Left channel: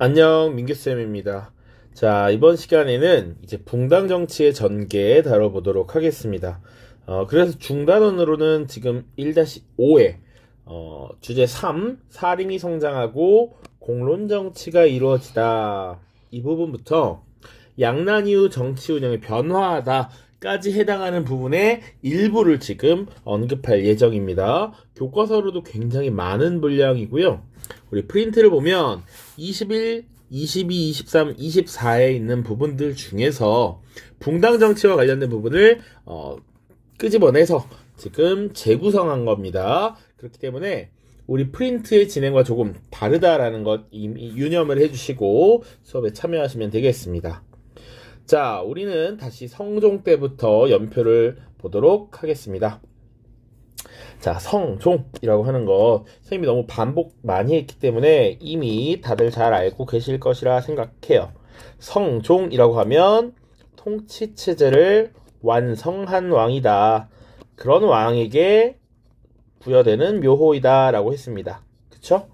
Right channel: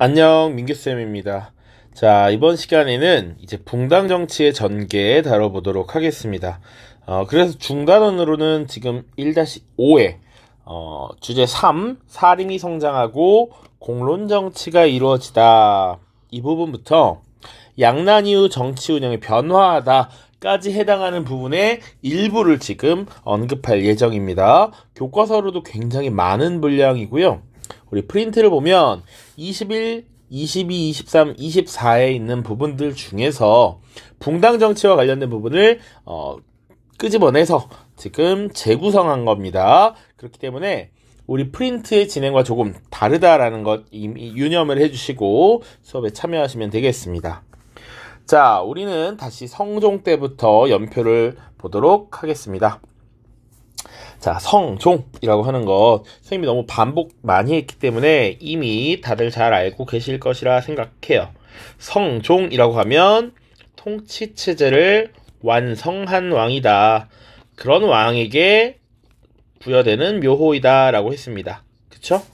안녕, 민규쌤입니다. 자, 이번 시간에는 이제 붕당 정치의 전개 다뤄보도록 하겠습니다. 그래서 중단원으로는 지금 1-5회, 주제 3, 사림이 성장하고 공론 정치가 이루어지다. 이 부분부터 양난 이후 정치 운영이 변화하다까지 해당하는 부분의 일부를 지금 언급할 예정입니다. 교과서로도 굉장히 많은 분량이고요. 우리 프린트를 보면 21, 22, 23, 24에 있는 부분들 중에서 붕당 정치와 관련된 부분을 끄집어내서 지금 재구성한 겁니다. 그렇기 때문에 우리 프린트의 진행과 조금 다르다라는 것 이미 유념을 해주시고 수업에 참여하시면 되겠습니다. 자, 우리는 다시 성종 때부터 연표를 보도록 하겠습니다. 자, 성종이라고 하는 것 선생님이 너무 반복 많이 했기 때문에 이미 다들 잘 알고 계실 것이라 생각해요. 성종이라고 하면 통치체제를 완성한 왕이다. 그런 왕에게 부여되는 묘호이다 라고 했습니다. 그쵸?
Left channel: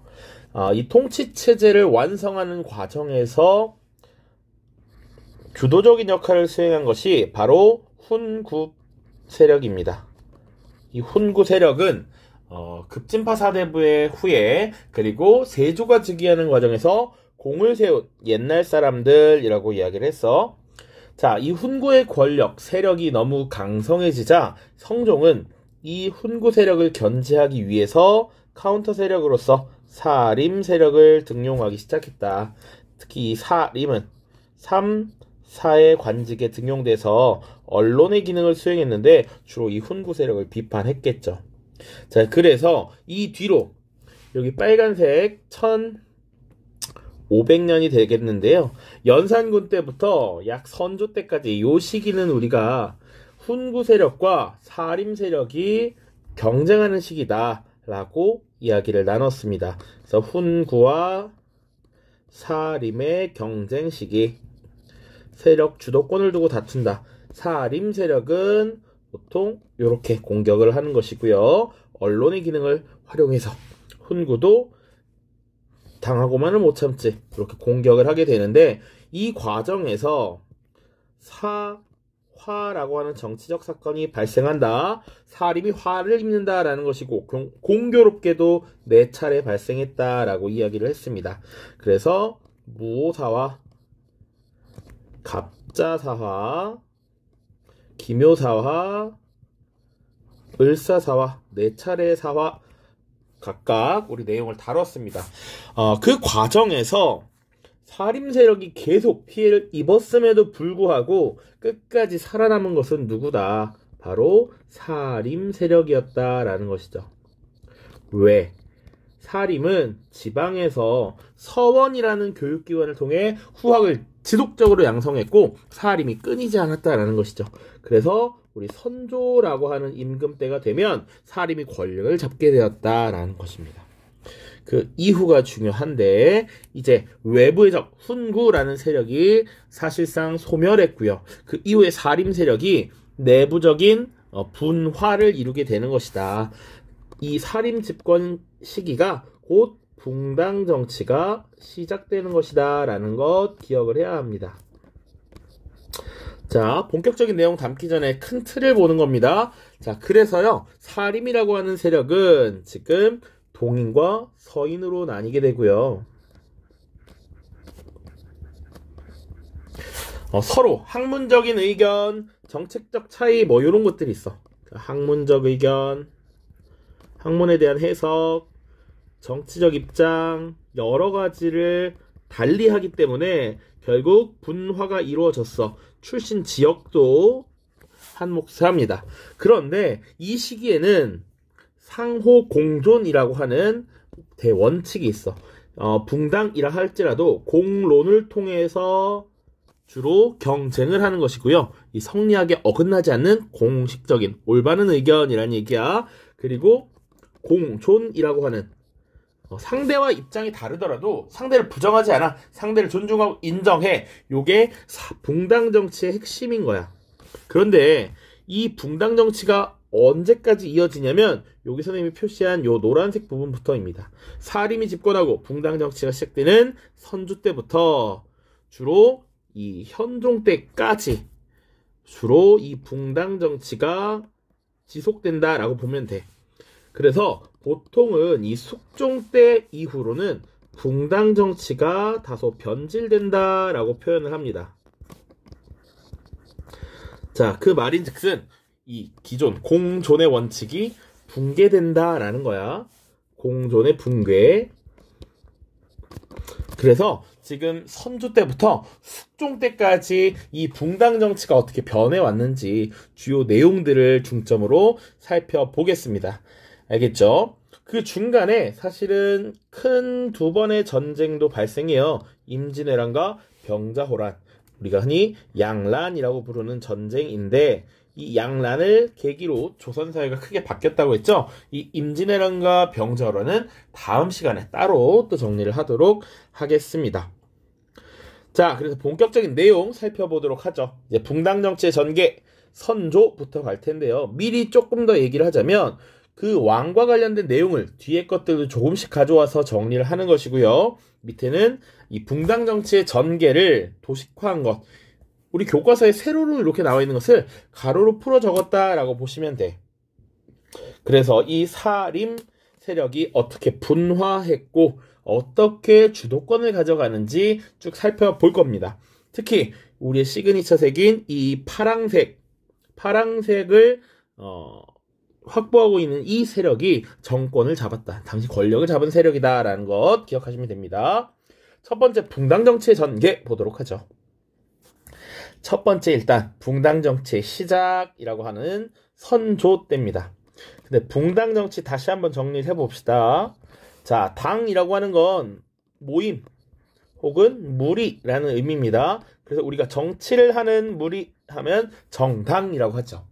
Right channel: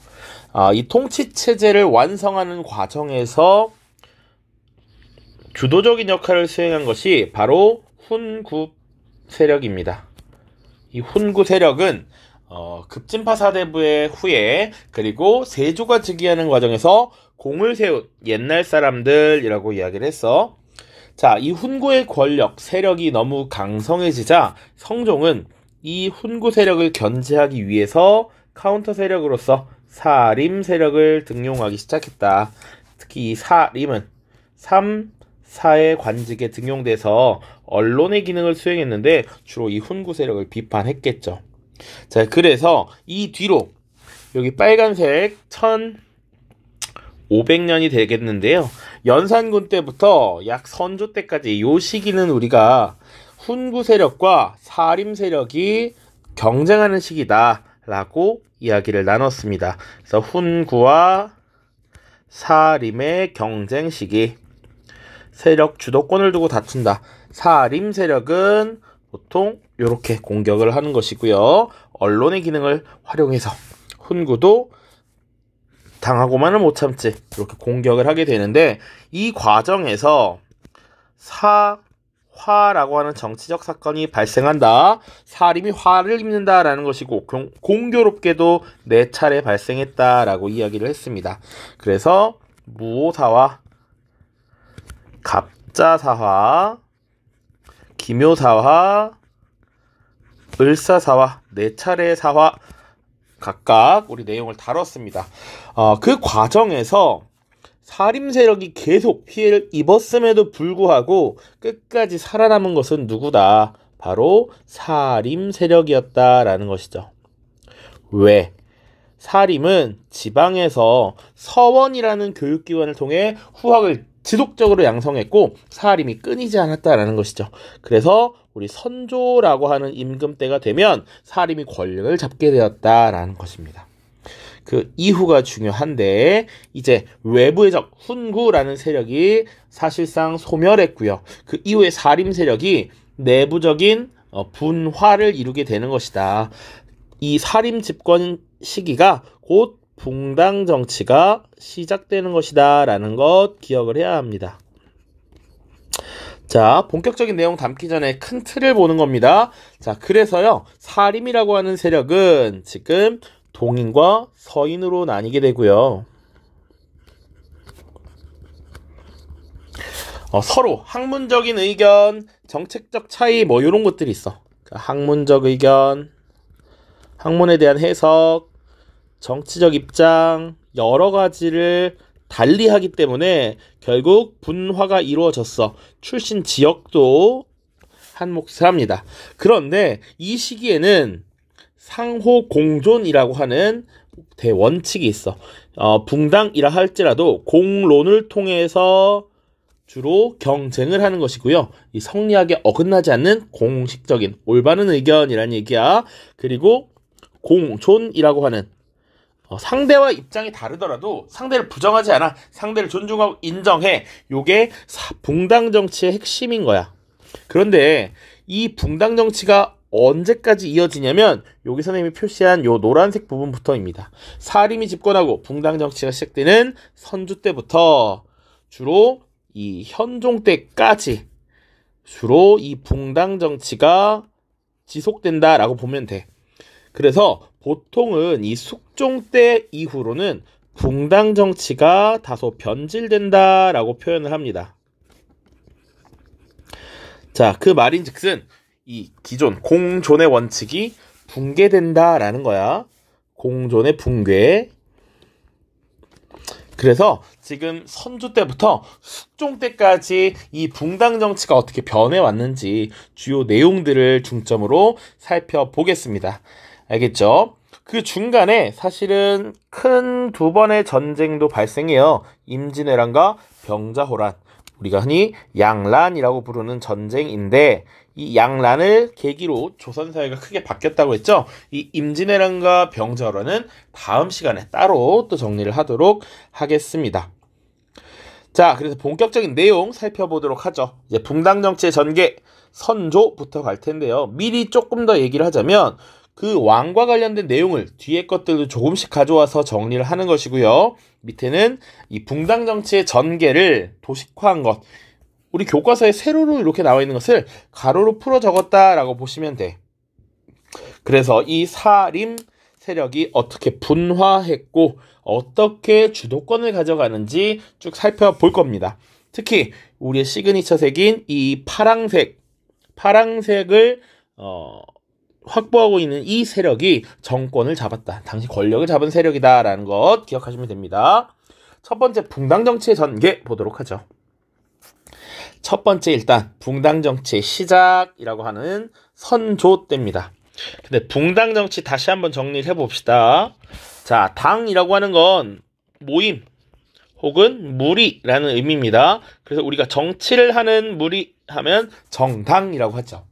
이 통치체제를 완성하는 과정에서 주도적인 역할을 수행한 것이 바로 훈구 세력입니다. 이 훈구 세력은 급진파 사대부의 후예 그리고 세조가 즉위하는 과정에서 공을 세운 옛날 사람들이라고 이야기를 했어. 자, 이 훈구의 권력, 세력이 너무 강성해지자 성종은 이 훈구 세력을 견제하기 위해서 카운터 세력으로서 사림 세력을 등용하기 시작했다. 특히 이 사림은 3, 4의 관직에 등용돼서 언론의 기능을 수행했는데 주로 이 훈구 세력을 비판했겠죠. 자, 그래서 이 뒤로 여기 빨간색 1500년이 되겠는데요. 연산군 때부터 약 선조 때까지 이 시기는 우리가 훈구 세력과 사림 세력이 경쟁하는 시기다 라고 이야기를 나눴습니다. 그래서 훈구와 사림의 경쟁 시기, 세력 주도권을 두고 다툰다. 사림 세력은 보통 이렇게 공격을 하는 것이고요. 언론의 기능을 활용해서 훈구도 당하고만은 못 참지 이렇게 공격을 하게 되는데 이 과정에서 사화라고 하는 정치적 사건이 발생한다. 사림이 화를 입는다라는 것이고 공교롭게도 4차례 발생했다라고 이야기를 했습니다. 그래서 무오사화, 갑자사화, 기묘사화, 을사사화 4차례의 사화 각각 우리 내용을 다뤘습니다. 그 과정에서 사림 세력이 계속 피해를 입었음에도 불구하고 끝까지 살아남은 것은 누구다? 바로 사림 세력이었다라는 것이죠. 왜? 사림은 지방에서 서원이라는 교육기관을 통해 후학을 지속적으로 양성했고 사림이 끊이지 않았다라는 것이죠. 그래서 우리 선조라고 하는 임금 때가 되면 사림이 권력을 잡게 되었다라는 것입니다. 그 이후가 중요한데 이제 외부의 적 훈구라는 세력이 사실상 소멸했고요. 그 이후에 사림 세력이 내부적인 분화를 이루게 되는 것이다. 이 사림 집권 시기가 곧 붕당 정치가 시작되는 것이다 라는 것 기억을 해야 합니다. 자, 본격적인 내용 담기 전에 큰 틀을 보는 겁니다. 자, 그래서요 사림이라고 하는 세력은 지금 동인과 서인으로 나뉘게 되고요. 서로 학문적인 의견, 정책적 차이 뭐 이런 것들이 있어. 학문적 의견, 학문에 대한 해석, 정치적 입장 여러 가지를 달리하기 때문에 결국 분화가 이루어졌어. 출신 지역도 한 몫을 합니다. 그런데 이 시기에는 상호 공존이라고 하는 대원칙이 있어. 붕당이라 할지라도 공론을 통해서 주로 경쟁을 하는 것이고요. 이 성리학에 어긋나지 않는 공식적인 올바른 의견이라는 얘기야. 그리고 공존이라고 하는 상대와 입장이 다르더라도 상대를 부정하지 않아. 상대를 존중하고 인정해. 요게 붕당 정치의 핵심인 거야. 그런데 이 붕당 정치가 언제까지 이어지냐면 여기 선생님이 표시한 요 노란색 부분부터입니다. 사림이 집권하고 붕당 정치가 시작되는 선조 때부터 주로 이 현종 때까지 주로 이 붕당 정치가 지속된다라고 보면 돼. 그래서 보통은 이 숙종 때 이후로는 붕당 정치가 다소 변질된다라고 표현을 합니다. 자, 그 말인즉슨 이 기존 공존의 원칙이 붕괴된다라는 거야. 공존의 붕괴. 그래서 지금 선조 때부터 숙종 때까지 이 붕당 정치가 어떻게 변해왔는지 주요 내용들을 중점으로 살펴보겠습니다. 알겠죠? 그 중간에 사실은 큰 두 번의 전쟁도 발생해요. 임진왜란과 병자호란. 우리가 흔히 양란이라고 부르는 전쟁인데 이 양란을 계기로 조선사회가 크게 바뀌었다고 했죠. 이 임진왜란과 병자호란은 다음 시간에 따로 또 정리를 하도록 하겠습니다. 자, 그래서 본격적인 내용 살펴보도록 하죠. 이제 붕당 정치의 전개, 선조부터 갈 텐데요. 미리 조금 더 얘기를 하자면 그 왕과 관련된 내용을 뒤에 것들도 조금씩 가져와서 정리를 하는 것이고요. 밑에는 이 붕당 정치의 전개를 도식화한 것, 우리 교과서에 세로로 이렇게 나와 있는 것을 가로로 풀어 적었다라고 보시면 돼. 그래서 이 사림 세력이 어떻게 분화했고 어떻게 주도권을 가져가는지 쭉 살펴볼 겁니다. 특히 우리의 시그니처 색인 이 파랑색을 확보하고 있는 이 세력이 정권을 잡았다. 당시 권력을 잡은 세력이다라는 것 기억하시면 됩니다. 첫 번째 붕당 정치의 전개 보도록 하죠. 첫 번째 일단 붕당 정치의 시작이라고 하는 선조 때입니다. 근데 붕당 정치 다시 한번 정리를 해봅시다. 자, 당이라고 하는 건 모임 혹은 무리라는 의미입니다. 그래서 우리가 정치를 하는 무리 하면 정당이라고 하죠.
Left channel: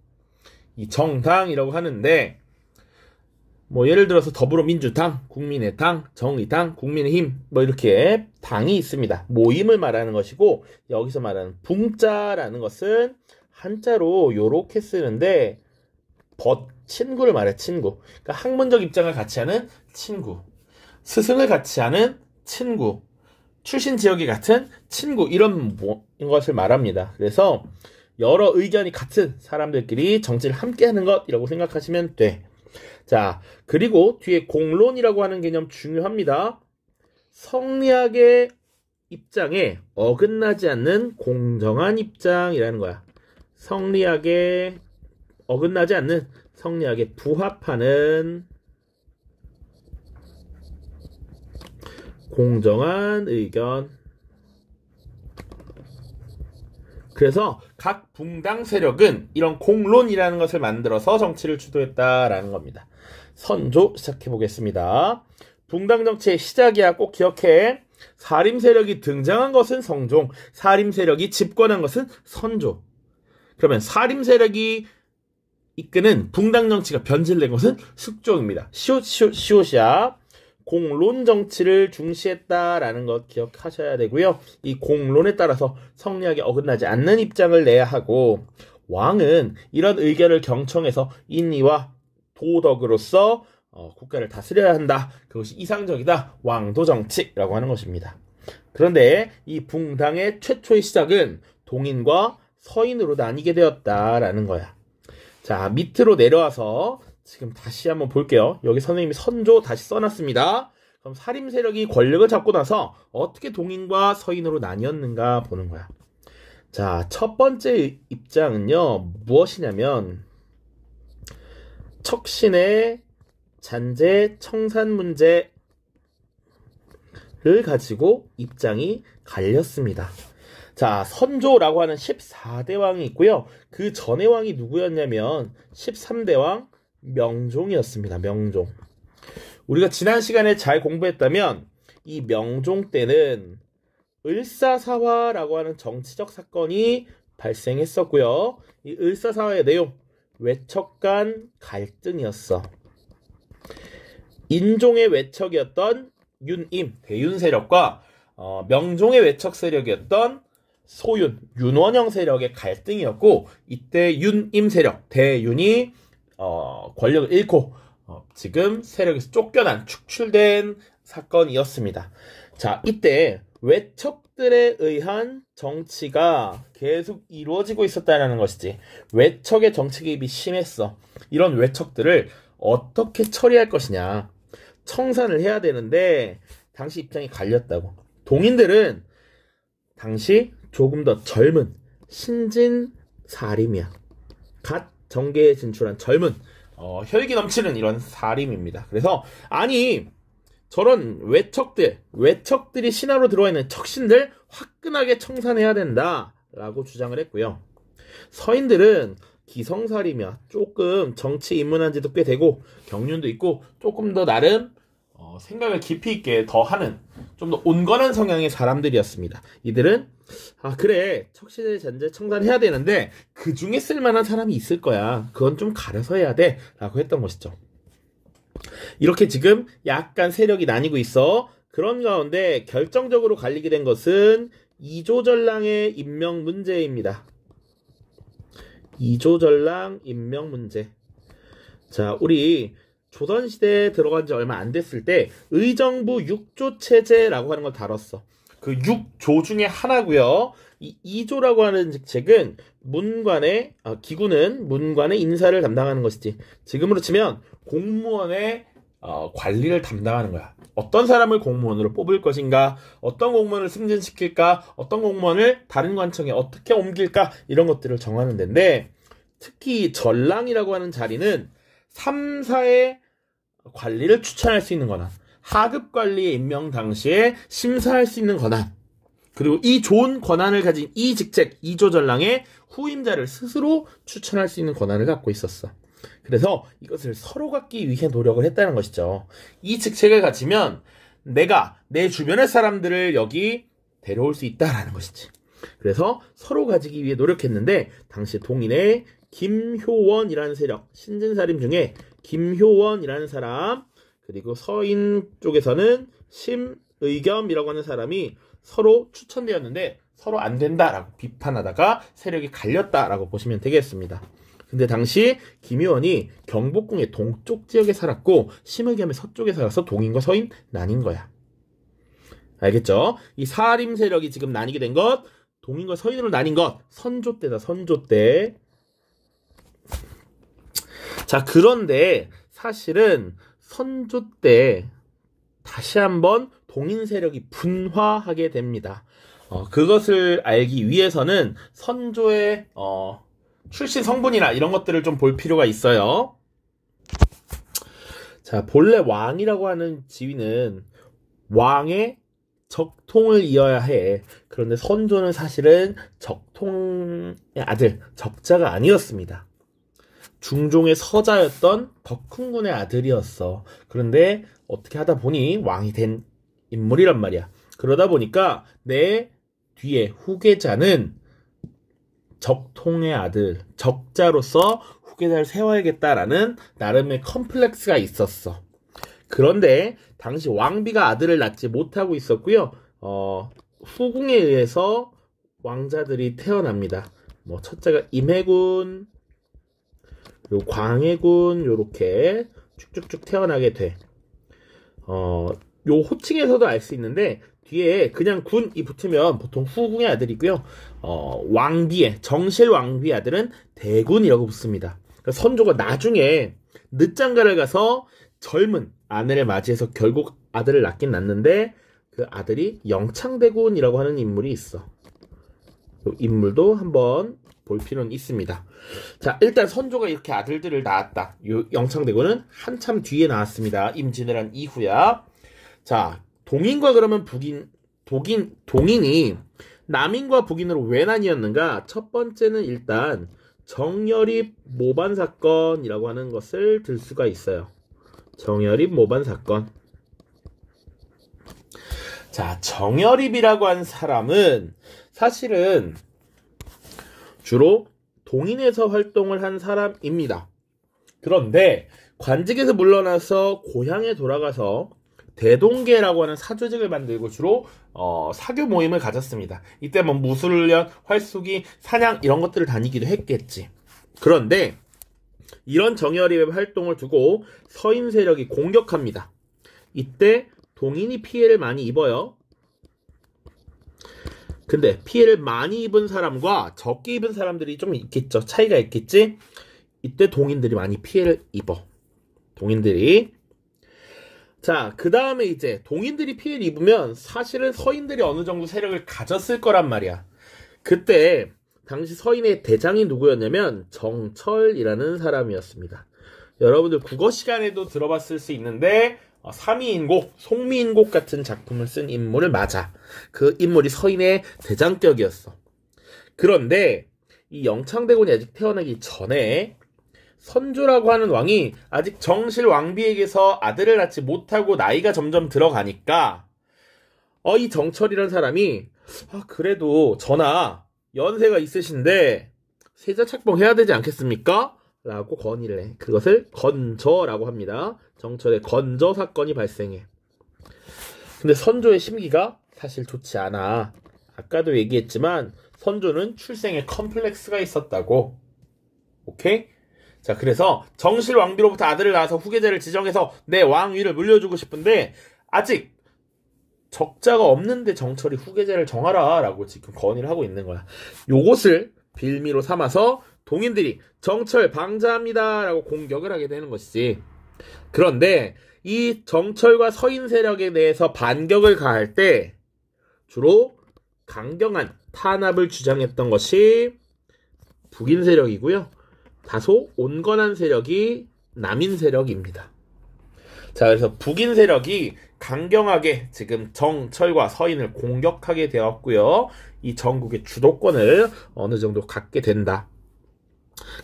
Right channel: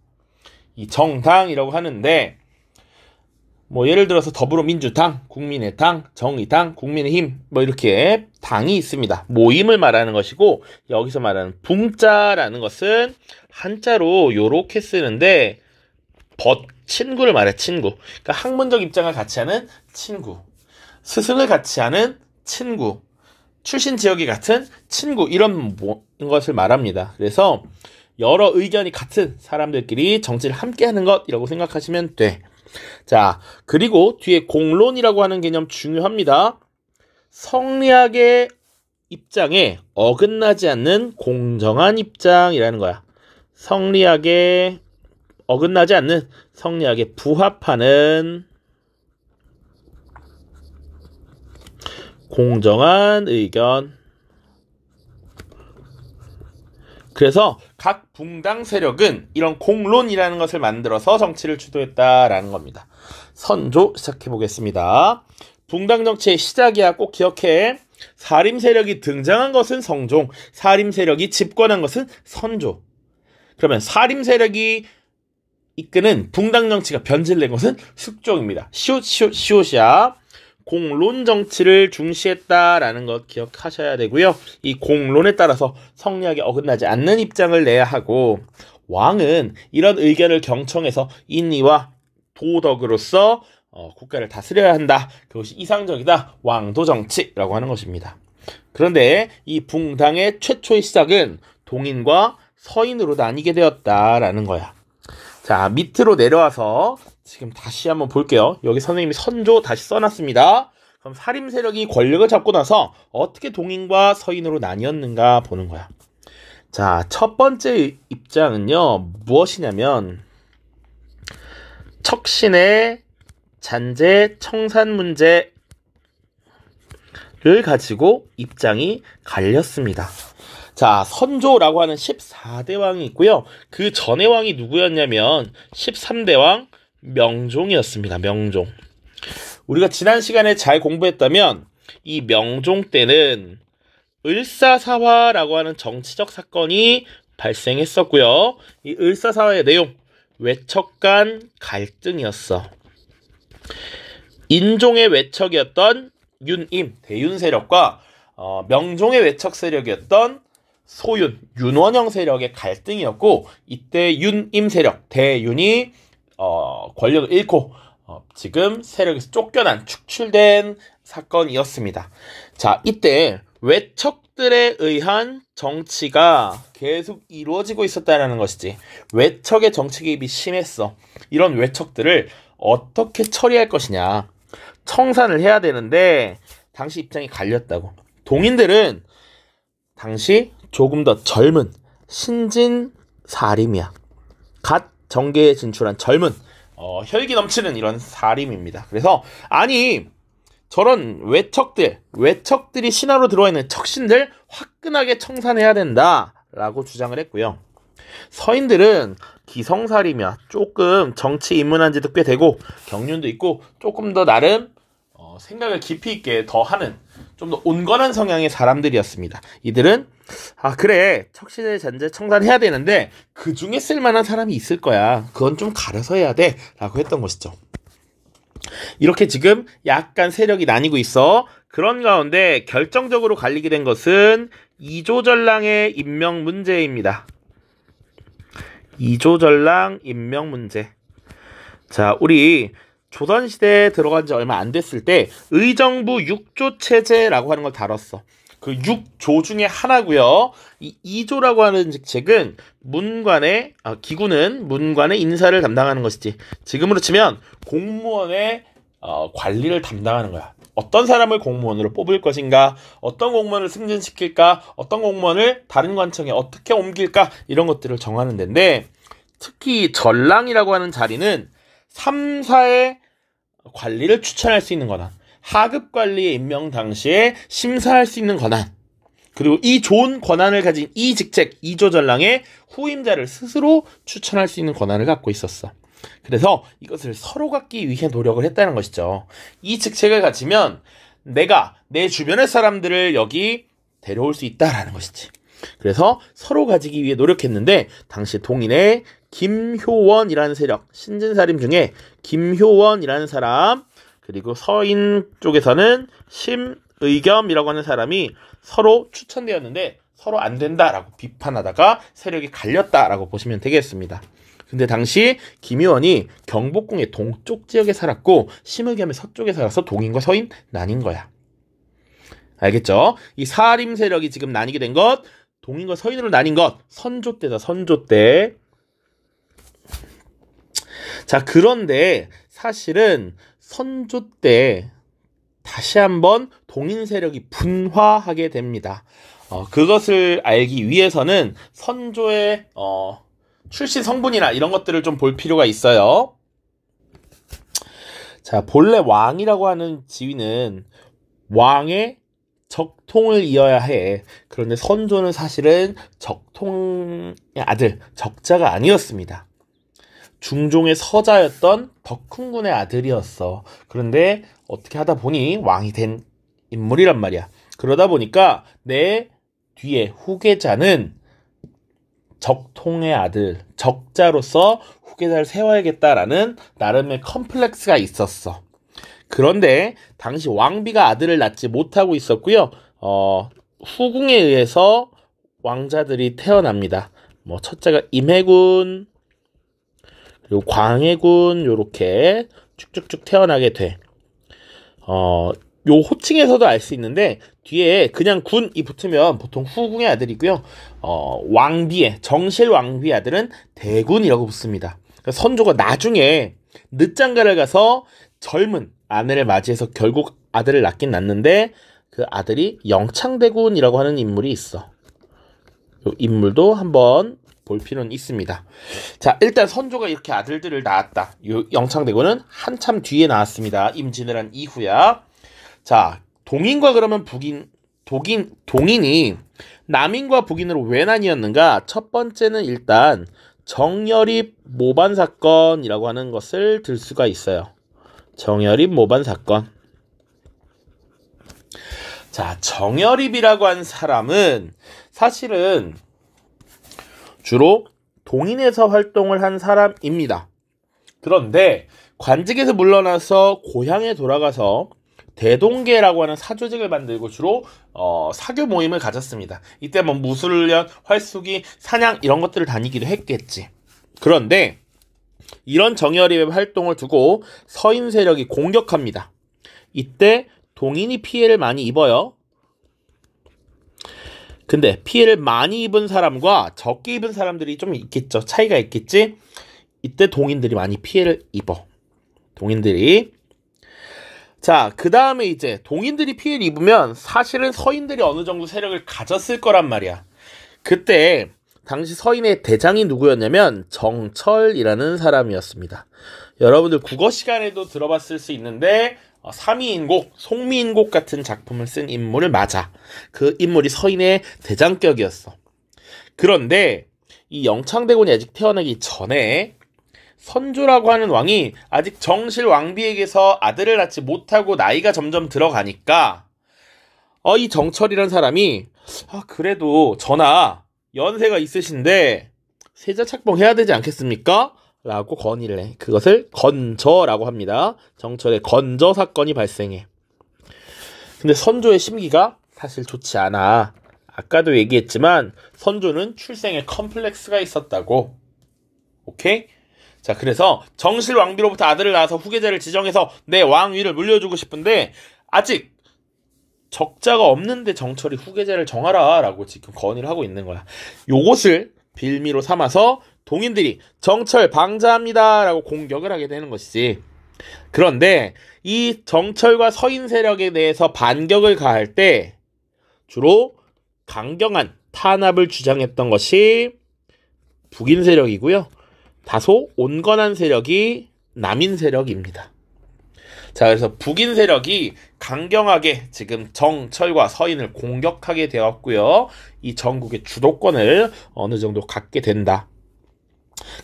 이 정당이라고 하는데 뭐 예를 들어서 더불어민주당, 국민의당, 정의당, 국민의힘 뭐 이렇게 당이 있습니다. 모임을 말하는 것이고 여기서 말하는 붕자라는 것은 한자로 요렇게 쓰는데 친구를 말해. 친구. 그러니까 학문적 입장을 같이 하는 친구. 스승을 같이 하는 친구. 출신 지역이 같은 친구. 이런 것을 말합니다. 그래서 여러 의견이 같은 사람들끼리 정치를 함께 하는 것이라고 생각하시면 돼. 자, 그리고 뒤에 공론이라고 하는 개념 중요합니다. 성리학의 입장에 어긋나지 않는 공정한 입장이라는 거야. 성리학에 어긋나지 않는, 성리학에 부합하는 공정한 의견. 그래서 각 붕당 세력은 이런 공론이라는 것을 만들어서 정치를 주도했다라는 겁니다. 선조 시작해보겠습니다. 붕당 정치의 시작이야. 꼭 기억해. 사림 세력이 등장한 것은 성종, 사림 세력이 집권한 것은 선조. 그러면 사림 세력이 이끄는 붕당 정치가 변질된 것은 숙종입니다. 시옷이야. 공론 정치를 중시했다라는 것 기억하셔야 되고요. 이 공론에 따라서 성리학에 어긋나지 않는 입장을 내야 하고 왕은 이런 의견을 경청해서 인의와 도덕으로서 국가를 다스려야 한다. 그것이 이상적이다. 왕도 정치라고 하는 것입니다. 그런데 이 붕당의 최초의 시작은 동인과 서인으로 나뉘게 되었다라는 거야. 자, 밑으로 내려와서 지금 다시 한번 볼게요. 여기 선생님이 선조 다시 써놨습니다. 그럼 사림 세력이 권력을 잡고 나서 어떻게 동인과 서인으로 나뉘었는가 보는 거야. 자, 첫 번째 입장은요, 무엇이냐면 척신의 잔재 청산 문제를 가지고 입장이 갈렸습니다. 자, 선조라고 하는 14대 왕이 있고요. 그 전의 왕이 누구였냐면 13대 왕 명종이었습니다. 명종. 우리가 지난 시간에 잘 공부했다면 이 명종 때는 을사사화라고 하는 정치적 사건이 발생했었고요. 이 을사사화의 내용, 외척 간 갈등이었어. 인종의 외척이었던 윤임, 대윤 세력과 명종의 외척 세력이었던 소윤, 윤원영 세력의 갈등이었고, 이때 윤임 세력, 대윤이 권력을 잃고 지금 세력에서 쫓겨난 축출된 사건이었습니다. 자, 이때 외척들에 의한 정치가 계속 이루어지고 있었다는 것이지. 외척의 정치 개입이 심했어. 이런 외척들을 어떻게 처리할 것이냐. 청산을 해야 되는데 당시 입장이 갈렸다고. 동인들은 당시 조금 더 젊은 신진 사림이야. 갓 정계에 진출한 젊은 혈기 넘치는 이런 사림입니다. 그래서 아니 저런 외척들이 신하로 들어와 있는 척신들 화끈하게 청산해야 된다라고 주장을 했고요. 서인들은 기성사림이야. 조금 정치 입문한 지도 꽤 되고 경륜도 있고 조금 더 나름 생각을 깊이 있게 더 하는 좀 더 온건한 성향의 사람들이었습니다. 이들은 그래 척신의 잔재 청산해야 되는데 그 중에 쓸만한 사람이 있을 거야. 그건 좀 가려서 해야 돼 라고 했던 것이죠. 이렇게 지금 약간 세력이 나뉘고 있어. 그런 가운데 결정적으로 갈리게 된 것은 이조전랑의 임명 문제입니다. 이조전랑 임명 문제. 자, 우리 조선시대에 들어간 지 얼마 안 됐을 때 의정부 6조 체제라고 하는 걸 다뤘어. 그 6조 중에 하나고요. 이 2조라고 하는 직책은 기구는 문관의 인사를 담당하는 것이지. 지금으로 치면 공무원의 관리를 담당하는 거야. 어떤 사람을 공무원으로 뽑을 것인가, 어떤 공무원을 승진시킬까, 어떤 공무원을 다른 관청에 어떻게 옮길까, 이런 것들을 정하는 데인데, 특히 전랑이라고 하는 자리는 3사의 관리를 추천할 수 있는 권한, 하급 관리의 임명 당시에 심사할 수 있는 권한, 그리고 이 좋은 권한을 가진 이 직책, 이조전랑의 후임자를 스스로 추천할 수 있는 권한을 갖고 있었어. 그래서 이것을 서로 갖기 위해 노력을 했다는 것이죠. 이 직책을 가지면 내가 내 주변의 사람들을 여기 데려올 수 있다라는 것이지. 그래서 서로 가지기 위해 노력했는데 당시 동인의 김효원이라는 세력, 신진사림 중에 김효원이라는 사람, 그리고 서인 쪽에서는 심의겸이라고 하는 사람이 서로 추천되었는데 서로 안 된다라고 비판하다가 세력이 갈렸다라고 보시면 되겠습니다. 근데 당시 김효원이 경복궁의 동쪽 지역에 살았고 심의겸의 서쪽에 살아서 동인과 서인 나뉜 거야. 알겠죠? 이 사림 세력이 지금 나뉘게 된 것, 동인과 서인으로 나뉜 것, 선조 때다, 선조 때. 자, 그런데 사실은 선조 때 다시 한번 동인 세력이 분화하게 됩니다. 그것을 알기 위해서는 선조의 출신 성분이나 이런 것들을 좀 볼 필요가 있어요. 자, 본래 왕이라고 하는 지위는 왕의 적통을 이어야 해. 그런데 선조는 사실은 적통의 아들, 적자가 아니었습니다. 중종의 서자였던 덕훈군의 아들이었어. 그런데 어떻게 하다 보니 왕이 된 인물이란 말이야. 그러다 보니까 내 뒤에 후계자는 적통의 아들, 적자로서 후계자를 세워야겠다라는 나름의 컴플렉스가 있었어. 그런데 당시 왕비가 아들을 낳지 못하고 있었고요. 후궁에 의해서 왕자들이 태어납니다. 첫째가 임해군, 그리고 광해군, 요렇게 쭉쭉쭉 태어나게 돼. 요 호칭에서도 알 수 있는데 뒤에 그냥 군이 붙으면 보통 후궁의 아들이고요. 왕비의 정실 왕비의 아들은 대군이라고 붙습니다. 그러니까 선조가 나중에 늦장가를 가서 젊은 아내를 맞이해서 결국 아들을 낳긴 낳는데 그 아들이 영창대군이라고 하는 인물이 있어. 이 인물도 한번 볼 필요는 있습니다. 자, 일단 선조가 이렇게 아들들을 낳았다. 이 영창대군은 한참 뒤에 나왔습니다. 임진을 한 이후야. 자, 동인과 그러면 동인이 남인과 북인으로 왜 나뉘었는가? 첫 번째는 일단 정여립 모반 사건이라고 하는 것을 들 수가 있어요. 정여립 모반 사건. 자, 정여립이라고 한 사람은 사실은 주로 동인에서 활동을 한 사람입니다. 그런데 관직에서 물러나서 고향에 돌아가서 대동계라고 하는 사조직을 만들고 주로 사교 모임을 가졌습니다. 이때 무술련, 활쏘기, 사냥 이런 것들을 다니기도 했겠지. 그런데 이런 정예리의 활동을 두고 서인 세력이 공격합니다. 이때 동인이 피해를 많이 입어요. 근데 피해를 많이 입은 사람과 적게 입은 사람들이 좀 있겠죠. 차이가 있겠지? 이때 동인들이 많이 피해를 입어. 동인들이. 자, 그 다음에 이제 동인들이 피해를 입으면 사실은 서인들이 어느 정도 세력을 가졌을 거란 말이야. 그때 당시 서인의 대장이 누구였냐면 정철이라는 사람이었습니다. 여러분들 국어 시간에도 들어봤을 수 있는데 삼위인곡, 송미인곡 같은 작품을 쓴 인물을 맞아. 그 인물이 서인의 대장격이었어. 그런데 이 영창대군이 아직 태어나기 전에 선조라고 하는 왕이 아직 정실 왕비에게서 아들을 낳지 못하고 나이가 점점 들어가니까 이 정철이라는 사람이 그래도 전하 연세가 있으신데 세자 책봉해야 되지 않겠습니까? 라고 건의를 해. 그것을 건저라고 합니다. 정철의 건저 사건이 발생해. 근데 선조의 심기가 사실 좋지 않아. 아까도 얘기했지만 선조는 출생에 컴플렉스가 있었다고. 오케이? 자, 그래서 정실 왕비로부터 아들을 낳아서 후계자를 지정해서 내 왕위를 물려주고 싶은데 아직 적자가 없는데 정철이 후계자를 정하라 라고 지금 건의를 하고 있는 거야. 요것을 빌미로 삼아서 동인들이 정철 방자합니다 라고 공격을 하게 되는 것이지. 그런데 이 정철과 서인 세력에 대해서 반격을 가할 때 주로 강경한 탄압을 주장했던 것이 북인 세력이고요. 다소 온건한 세력이 남인 세력입니다. 자, 그래서 북인 세력이 강경하게 지금 정철과 서인을 공격하게 되었고요. 이 전국의 주도권을 어느 정도 갖게 된다.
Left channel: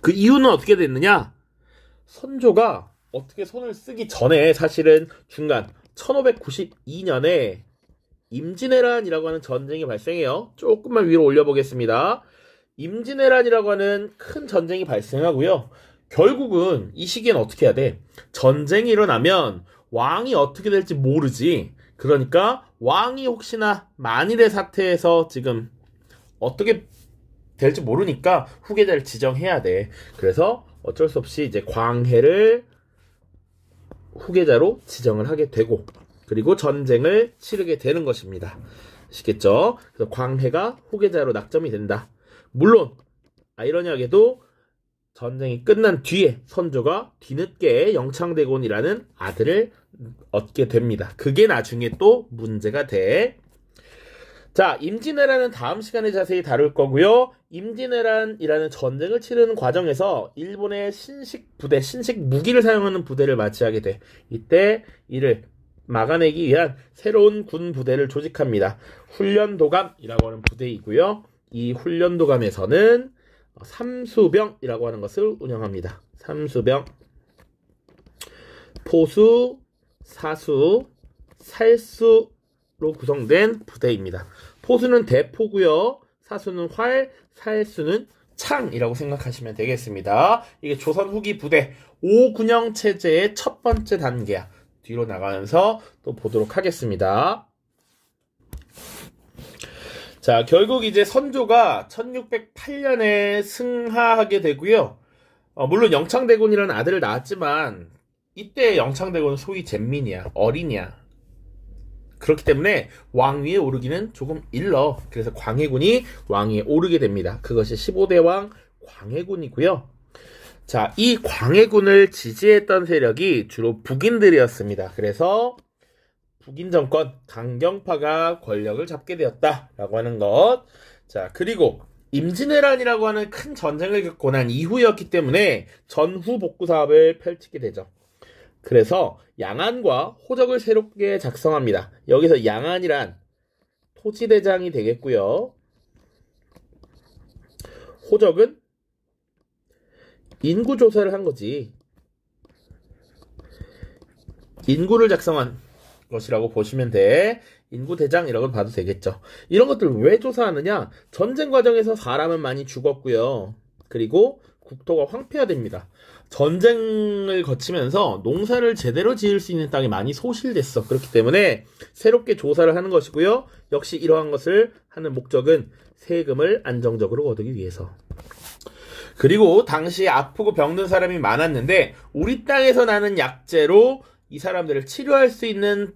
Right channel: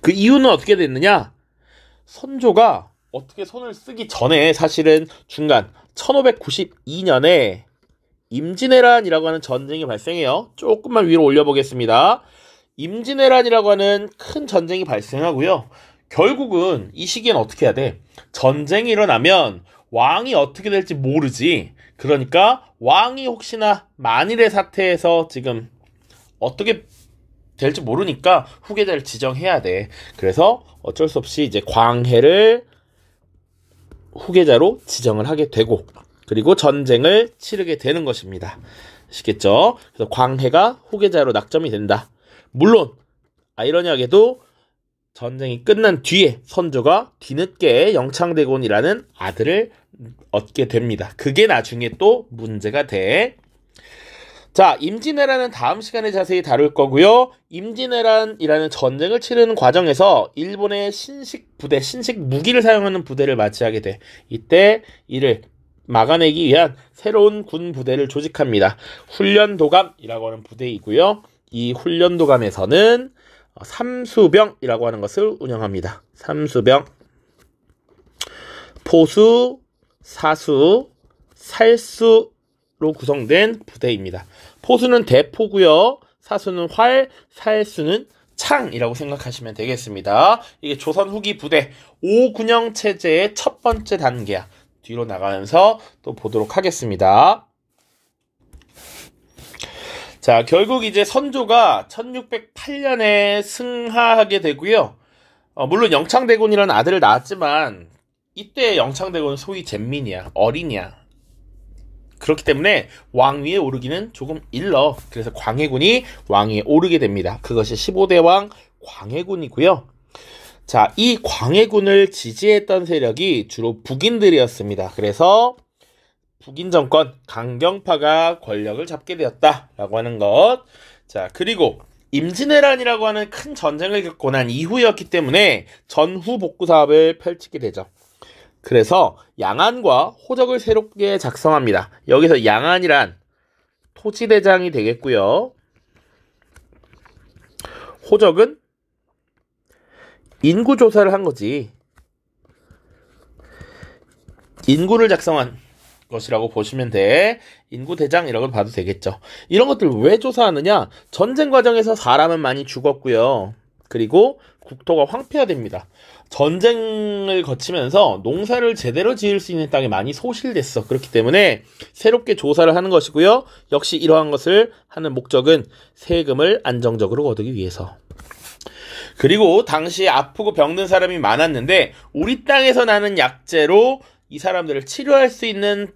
그 이유는 어떻게 됐느냐? 선조가 어떻게 손을 쓰기 전에 사실은 중간 1592년에 임진왜란이라고 하는 전쟁이 발생해요. 조금만 위로 올려보겠습니다. 임진왜란이라고 하는 큰 전쟁이 발생하고요. 결국은 이 시기엔 어떻게 해야 돼? 전쟁이 일어나면 왕이 어떻게 될지 모르지. 그러니까 왕이 혹시나 만일의 사태에서 지금 어떻게 될지 모르니까 후계자를 지정해야 돼. 그래서 어쩔 수 없이 이제 광해를 후계자로 지정을 하게 되고 그리고 전쟁을 치르게 되는 것입니다. 아시겠죠? 그래서 광해가 후계자로 낙점이 된다. 물론 아이러니하게도 전쟁이 끝난 뒤에 선조가 뒤늦게 영창대군이라는 아들을 얻게 됩니다. 그게 나중에 또 문제가 돼. 자, 임진왜란은 다음 시간에 자세히 다룰 거고요. 임진왜란이라는 전쟁을 치르는 과정에서 일본의 신식 부대, 신식 무기를 사용하는 부대를 맞이하게 돼. 이때 이를 막아내기 위한 새로운 군 부대를 조직합니다. 훈련도감이라고 하는 부대이고요. 이 훈련도감에서는 삼수병이라고 하는 것을 운영합니다. 삼수병, 포수, 사수, 살수로 구성된 부대입니다. 포수는 대포고요. 사수는 활, 살수는 창이라고 생각하시면 되겠습니다. 이게 조선 후기 부대 5군영 체제의 첫 번째 단계야. 뒤로 나가면서 또 보도록 하겠습니다. 자, 결국 이제 선조가 1608년에 승하하게 되고요. 물론 영창대군이라는 아들을 낳았지만 이때 영창대군은 소위 잼민이야. 어린이야. 그렇기 때문에 왕위에 오르기는 조금 일러. 그래서 광해군이 왕위에 오르게 됩니다. 그것이 15대 왕 광해군이고요. 자, 이 광해군을 지지했던 세력이 주로 북인들이었습니다. 그래서 북인 정권, 강경파가 권력을 잡게 되었다라고 하는 것. 자, 그리고 임진왜란이라고 하는 큰 전쟁을 겪고 난 이후였기 때문에 전후 복구 사업을 펼치게 되죠. 그래서 양안과 호적을 새롭게 작성합니다. 여기서 양안이란 토지대장이 되겠고요. 호적은 인구조사를 한 거지. 인구를 작성한 것이라고 보시면 돼. 인구대장이라고 봐도 되겠죠. 이런 것들 왜 조사하느냐? 전쟁 과정에서 사람은 많이 죽었고요. 그리고 국토가 황폐화됩니다. 전쟁을 거치면서 농사를 제대로 지을 수 있는 땅이 많이 소실됐어. 그렇기 때문에 새롭게 조사를 하는 것이고요. 역시 이러한 것을 하는 목적은 세금을 안정적으로 얻기 위해서. 그리고 당시에 아프고 병든 사람이 많았는데 우리 땅에서 나는 약재로 이 사람들을 치료할 수 있는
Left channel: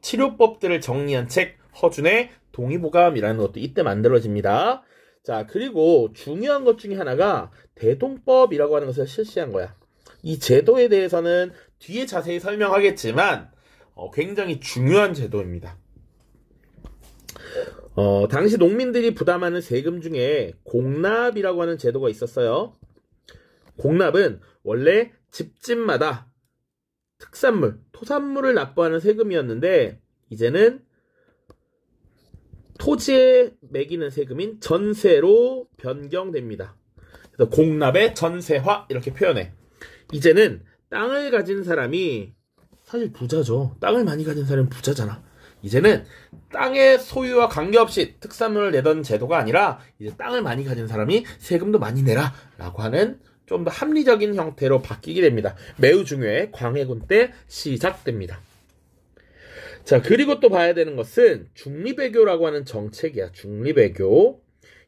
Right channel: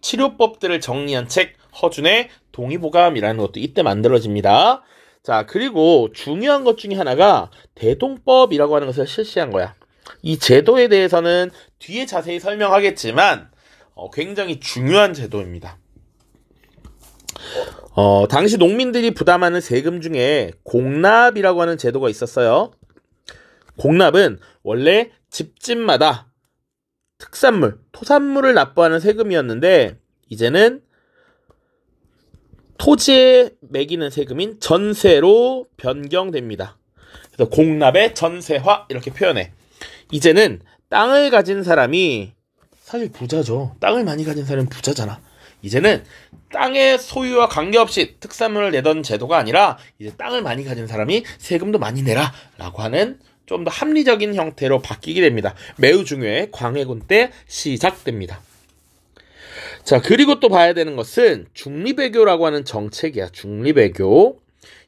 치료법들을 정리한 책 허준의 동의보감이라는 것도 이때 만들어집니다. 자, 그리고 중요한 것 중에 하나가 대동법이라고 하는 것을 실시한 거야. 이 제도에 대해서는 뒤에 자세히 설명하겠지만 굉장히 중요한 제도입니다. 당시 농민들이 부담하는 세금 중에 공납이라고 하는 제도가 있었어요. 공납은 원래 집집마다 특산물, 토산물을 납부하는 세금이었는데 이제는 토지에 매기는 세금인 전세로 변경됩니다. 그래서 공납의 전세화 이렇게 표현해. 이제는 땅을 가진 사람이 사실 부자죠. 땅을 많이 가진 사람은 부자잖아. 이제는 땅의 소유와 관계없이 특산물을 내던 제도가 아니라 이제 땅을 많이 가진 사람이 세금도 많이 내라 라고 하는 좀 더 합리적인 형태로 바뀌게 됩니다. 매우 중요해. 광해군 때 시작됩니다. 자, 그리고 또 봐야 되는 것은 중리배교라고 하는 정책이야. 중리배교.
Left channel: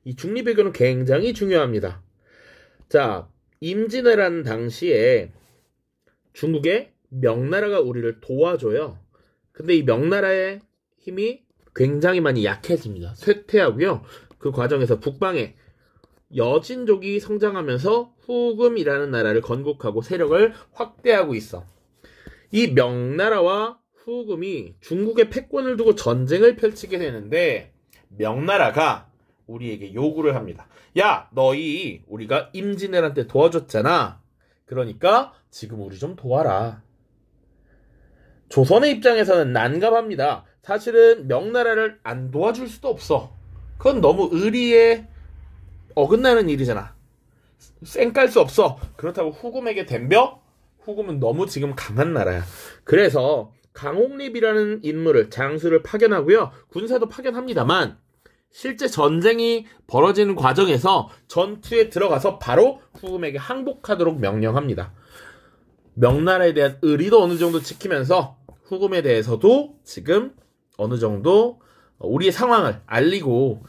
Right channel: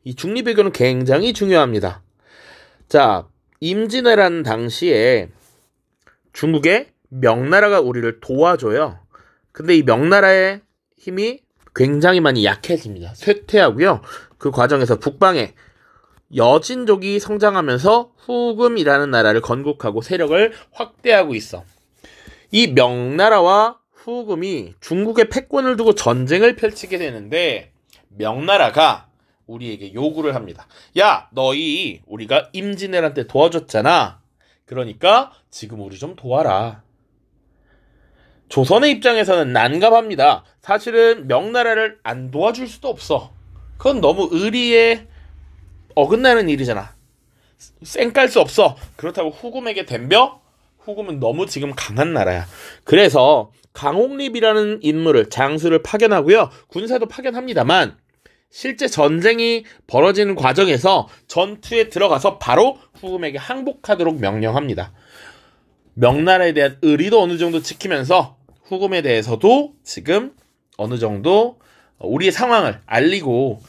이 중리배교는 굉장히 중요합니다. 자, 임진왜란 당시에 중국의 명나라가 우리를 도와줘요. 근데 이 명나라의 힘이 굉장히 많이 약해집니다. 쇠퇴하고요. 그 과정에서 북방에 여진족이 성장하면서 후금이라는 나라를 건국하고 세력을 확대하고 있어. 이 명나라와 후금이 중국의 패권을 두고 전쟁을 펼치게 되는데 명나라가 우리에게 요구를 합니다. 야, 너희 우리가 임진왜란 때 도와줬잖아. 그러니까 지금 우리 좀 도와라. 조선의 입장에서는 난감합니다. 사실은 명나라를 안 도와줄 수도 없어. 그건 너무 의리에 어긋나는 일이잖아. 쌩깔 수 없어. 그렇다고 후금에게 덤벼? 후금은 너무 지금 강한 나라야. 그래서 강홍립이라는 인물을 장수를 파견하고요. 군사도 파견합니다만 실제 전쟁이 벌어지는 과정에서 전투에 들어가서 바로 후금에게 항복하도록 명령합니다. 명나라에 대한 의리도 어느 정도 지키면서 후금에 대해서도 지금 어느 정도 우리의 상황을 알리고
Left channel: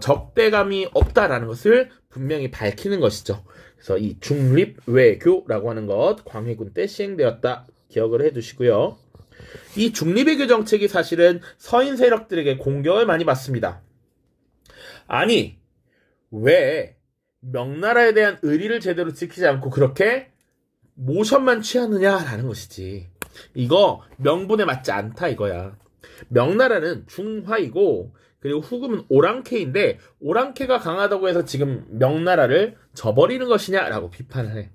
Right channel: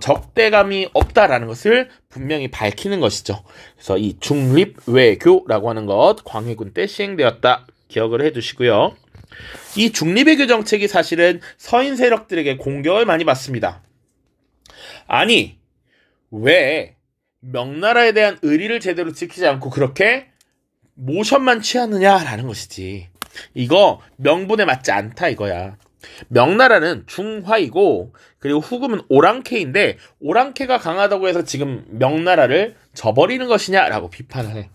적대감이 없다라는 것을 분명히 밝히는 것이죠. 그래서 이 중립외교라고 하는 것 광해군 때 시행되었다. 기억을 해두시고요. 이 중립외교 정책이 사실은 서인 세력들에게 공격을 많이 받습니다. 아니, 왜 명나라에 대한 의리를 제대로 지키지 않고 그렇게 모션만 취하느냐라는 것이지. 이거 명분에 맞지 않다 이거야. 명나라는 중화이고 그리고 후금은 오랑캐인데 오랑캐가 강하다고 해서 지금 명나라를 저버리는 것이냐라고 비판을 해.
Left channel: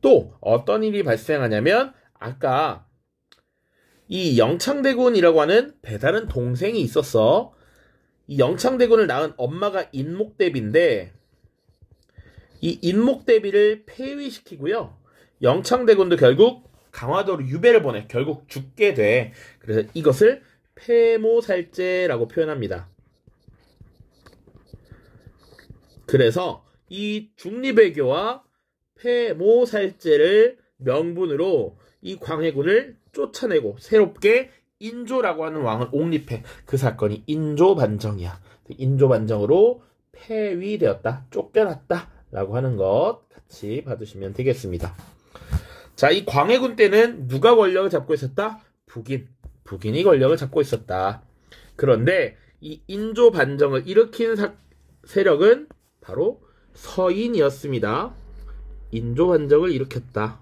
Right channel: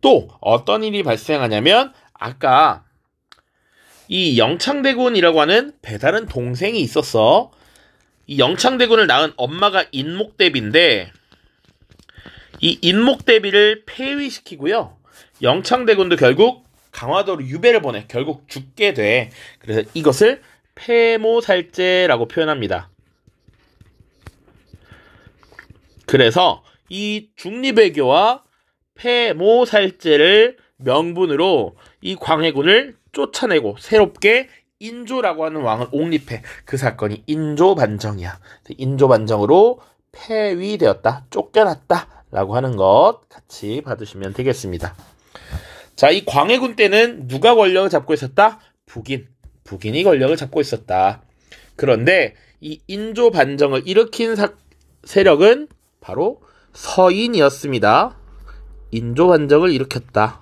또 어떤 일이 발생하냐면 아까 이 영창대군이라고 하는 배다른 동생이 있었어. 이 영창대군을 낳은 엄마가 인목대비인데 이 인목대비를 폐위시키고요. 영창대군도 결국 강화도로 유배를 보내 결국 죽게 돼. 그래서 이것을 폐모살제라고 표현합니다. 그래서 이 중리배교와 폐모살제를 명분으로 이 광해군을 쫓아내고 새롭게 인조라고 하는 왕을 옹립해. 그 사건이 인조반정이야. 인조반정으로 폐위되었다. 쫓겨났다. 라고 하는 것 같이 봐두시면 되겠습니다. 자, 이 광해군 때는 누가 권력을 잡고 있었다? 북인이 권력을 잡고 있었다. 그런데 이 인조 반정을 일으킨 세력은 바로 서인이었습니다. 인조 반정을 일으켰다.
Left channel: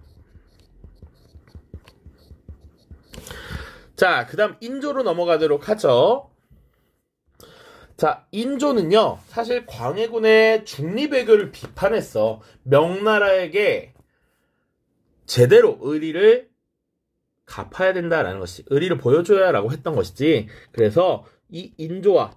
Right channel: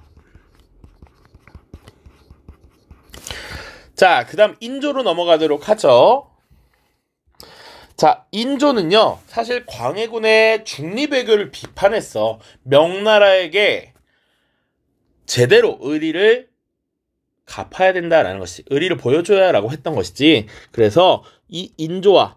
자, 그 다음 인조로 넘어가도록 하죠. 자, 인조는요, 사실 광해군의 중립외교를 비판했어. 명나라에게 제대로 의리를 갚아야 된다라는 것이, 의리를 보여줘야라고 했던 것이지. 그래서 이 인조와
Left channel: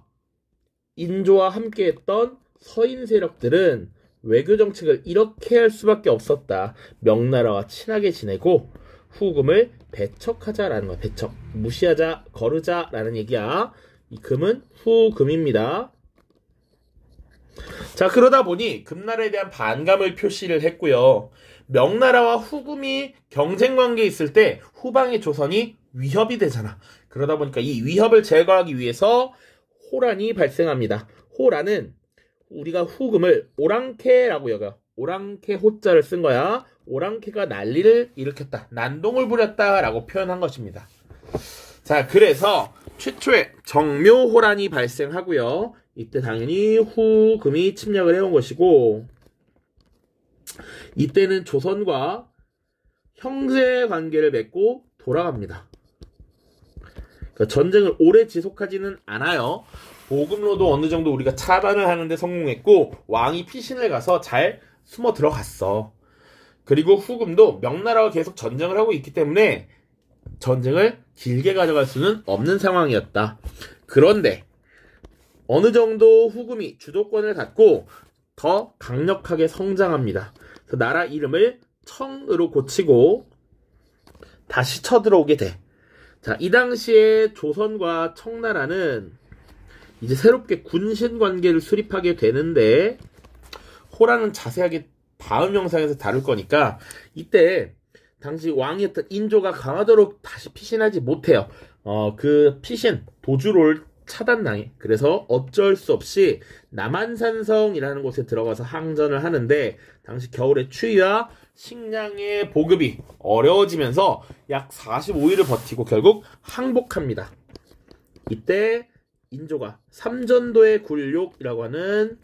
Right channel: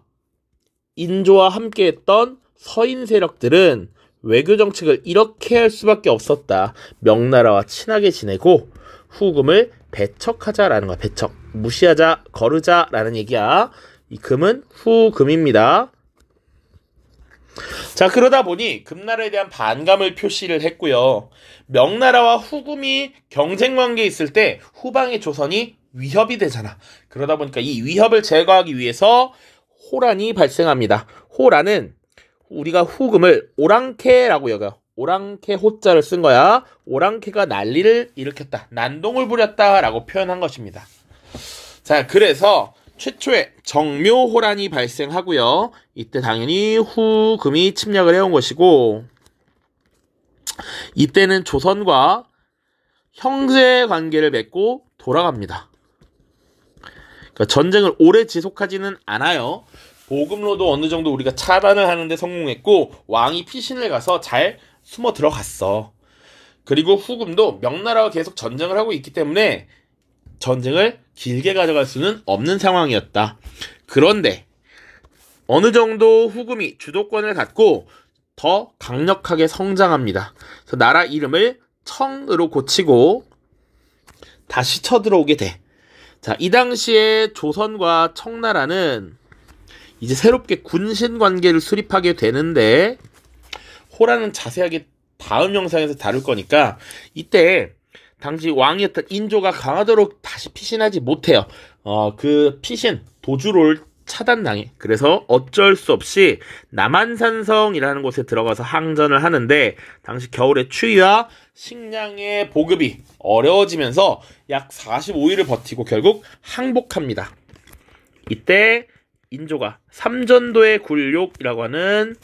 함께했던 서인 세력들은 외교 정책을 이렇게 할 수밖에 없었다. 명나라와 친하게 지내고 후금을 배척하자라는 거야. 배척. 무시하자, 거르자라는 얘기야. 이 금은 후금입니다. 자, 그러다 보니 금나라에 대한 반감을 표시를 했고요. 명나라와 후금이 경쟁 관계에 있을 때 후방의 조선이 위협이 되잖아. 그러다 보니까 이 위협을 제거하기 위해서 호란이 발생합니다. 호란은 우리가 후금을 오랑캐라고 여겨. 오랑캐 호자를 쓴 거야. 오랑캐가 난리를 일으켰다. 난동을 부렸다라고 표현한 것입니다. 자, 그래서 최초의 정묘호란이 발생하고요. 이때 당연히 후금이 침략을 해온 것이고, 이때는 조선과 형제 관계를 맺고 돌아갑니다. 그러니까 전쟁을 오래 지속하지는 않아요. 보급로도 어느 정도 우리가 차단을 하는데 성공했고, 왕이 피신을 가서 잘 숨어 들어갔어. 그리고 후금도 명나라와 계속 전쟁을 하고 있기 때문에 전쟁을 길게 가져갈 수는 없는 상황이었다. 그런데 어느 정도 후금이 주도권을 갖고 더 강력하게 성장합니다. 그래서 나라 이름을 청으로 고치고 다시 쳐들어오게 돼. 자, 이 당시에 조선과 청나라는 이제 새롭게 군신 관계를 수립하게 되는데, 호란은 자세하게 다음 영상에서 다룰 거니까 이때 당시 왕이었던 인조가 강화도로 다시 피신하지 못해요. 그 피신 도주를 차단당해. 그래서 어쩔 수 없이 남한산성이라는 곳에 들어가서 항전을 하는데, 당시 겨울의 추위와 식량의 보급이 어려워지면서 약 45일을 버티고 결국 항복합니다. 이때 인조가 삼전도의 굴욕이라고 하는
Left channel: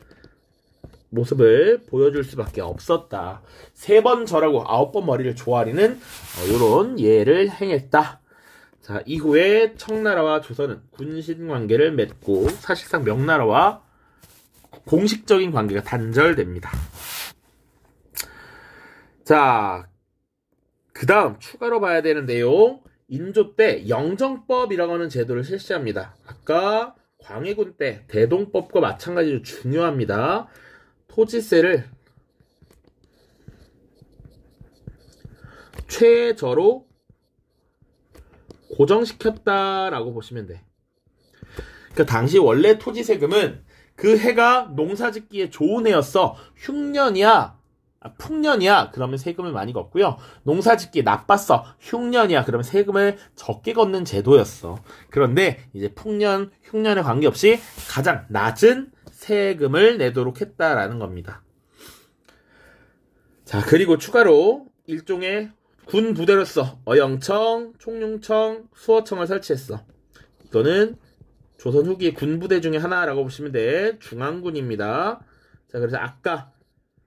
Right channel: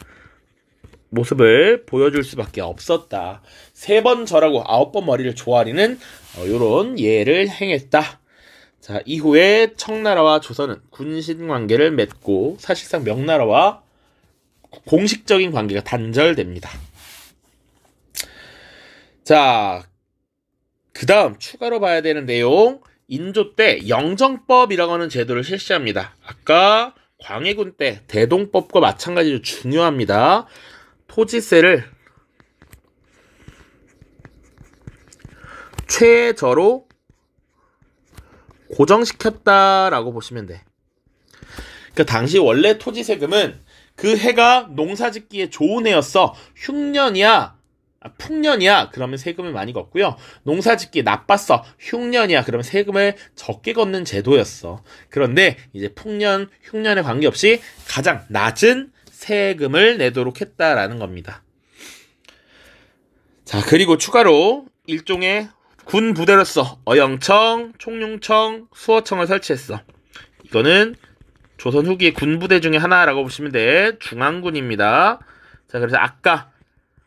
모습을 보여줄 수밖에 없었다. 3번 절하고 9번 머리를 조아리는 이런 예를 행했다. 자, 이후에 청나라와 조선은 군신 관계를 맺고 사실상 명나라와 공식적인 관계가 단절됩니다. 자, 그 다음 추가로 봐야 되는 내용, 인조 때 영정법이라고 하는 제도를 실시합니다. 아까 광해군 때 대동법과 마찬가지로 중요합니다. 토지세를 최저로 고정시켰다라고 보시면 돼. 그러니까 당시 원래 토지세금은 그 해가 농사짓기에 좋은 해였어. 흉년이야, 풍년이야, 그러면 세금을 많이 걷고요. 농사짓기에 나빴어, 흉년이야, 그러면 세금을 적게 걷는 제도였어. 그런데 이제 풍년, 흉년에 관계없이 가장 낮은 세금을 내도록 했다라는 겁니다. 자, 그리고 추가로 일종의 군 부대로서 어영청, 총룡청, 수어청을 설치했어. 이거는 조선 후기의 군 부대 중에 하나라고 보시면 돼. 중앙군입니다. 자, 그래서 아까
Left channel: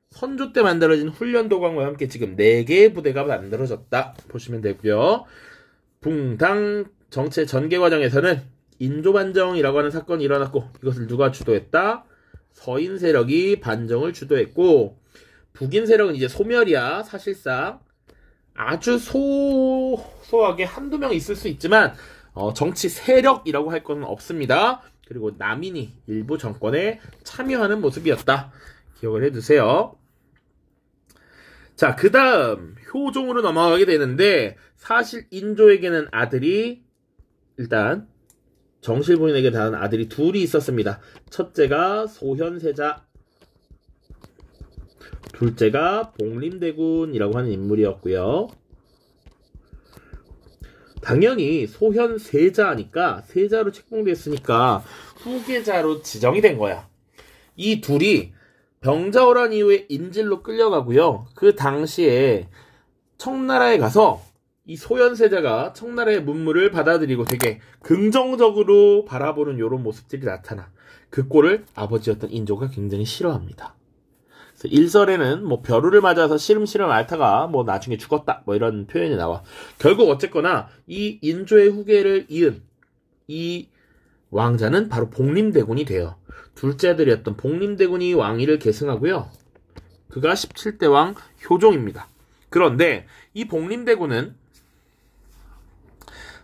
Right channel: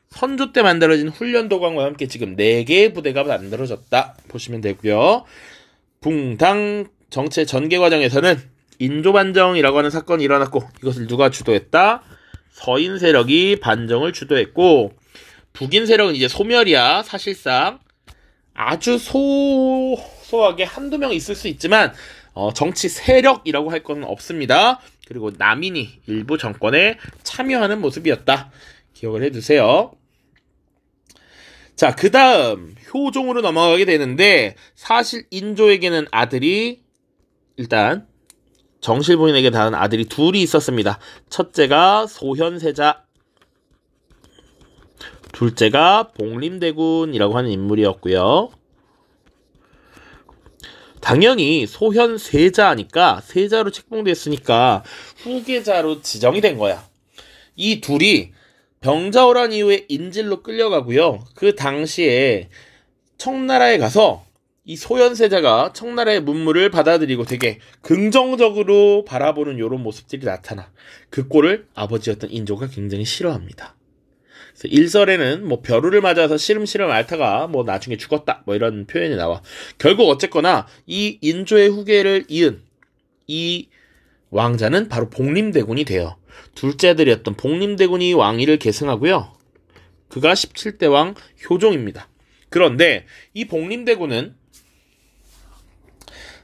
선조 때 만들어진 훈련도관과 함께 지금 4개의 부대가 만들어졌다 보시면 되고요. 붕당 정치 전개 과정에서는 인조반정이라고 하는 사건이 일어났고, 이것을 누가 주도했다? 서인 세력이 반정을 주도했고, 북인 세력은 이제 소멸이야. 사실상 아주 소소하게 한두 명 있을 수 있지만 정치 세력이라고 할 건 없습니다. 그리고 남인이 일부 정권에 참여하는 모습이었다. 기억을 해두세요. 자, 그 다음 효종으로 넘어가게 되는데, 사실 인조에게는 아들이, 일단 정실 부인에게 낳은 아들이 둘이 있었습니다. 첫째가 소현세자, 둘째가 복림대군이라고 하는 인물이었고요. 당연히 소현세자니까 세자로 책봉됐으니까 후계자로 지정이 된 거야. 이 둘이 병자호란 이후에 인질로 끌려가고요. 그 당시에 청나라에 가서 이 소현세자가 청나라의 문물을 받아들이고 되게 긍정적으로 바라보는 이런 모습들이 나타나. 그 꼴을 아버지였던 인조가 굉장히 싫어합니다. 그래서 일설에는 뭐 벼루를 맞아서 시름시름 앓다가 뭐 나중에 죽었다, 뭐 이런 표현이 나와. 결국 어쨌거나 이 인조의 후계를 이은 이 왕자는 바로 복림대군이 돼요. 둘째 아들이었던 복림대군이 왕위를 계승하고요. 그가 17대 왕 효종입니다. 그런데 이 복림대군은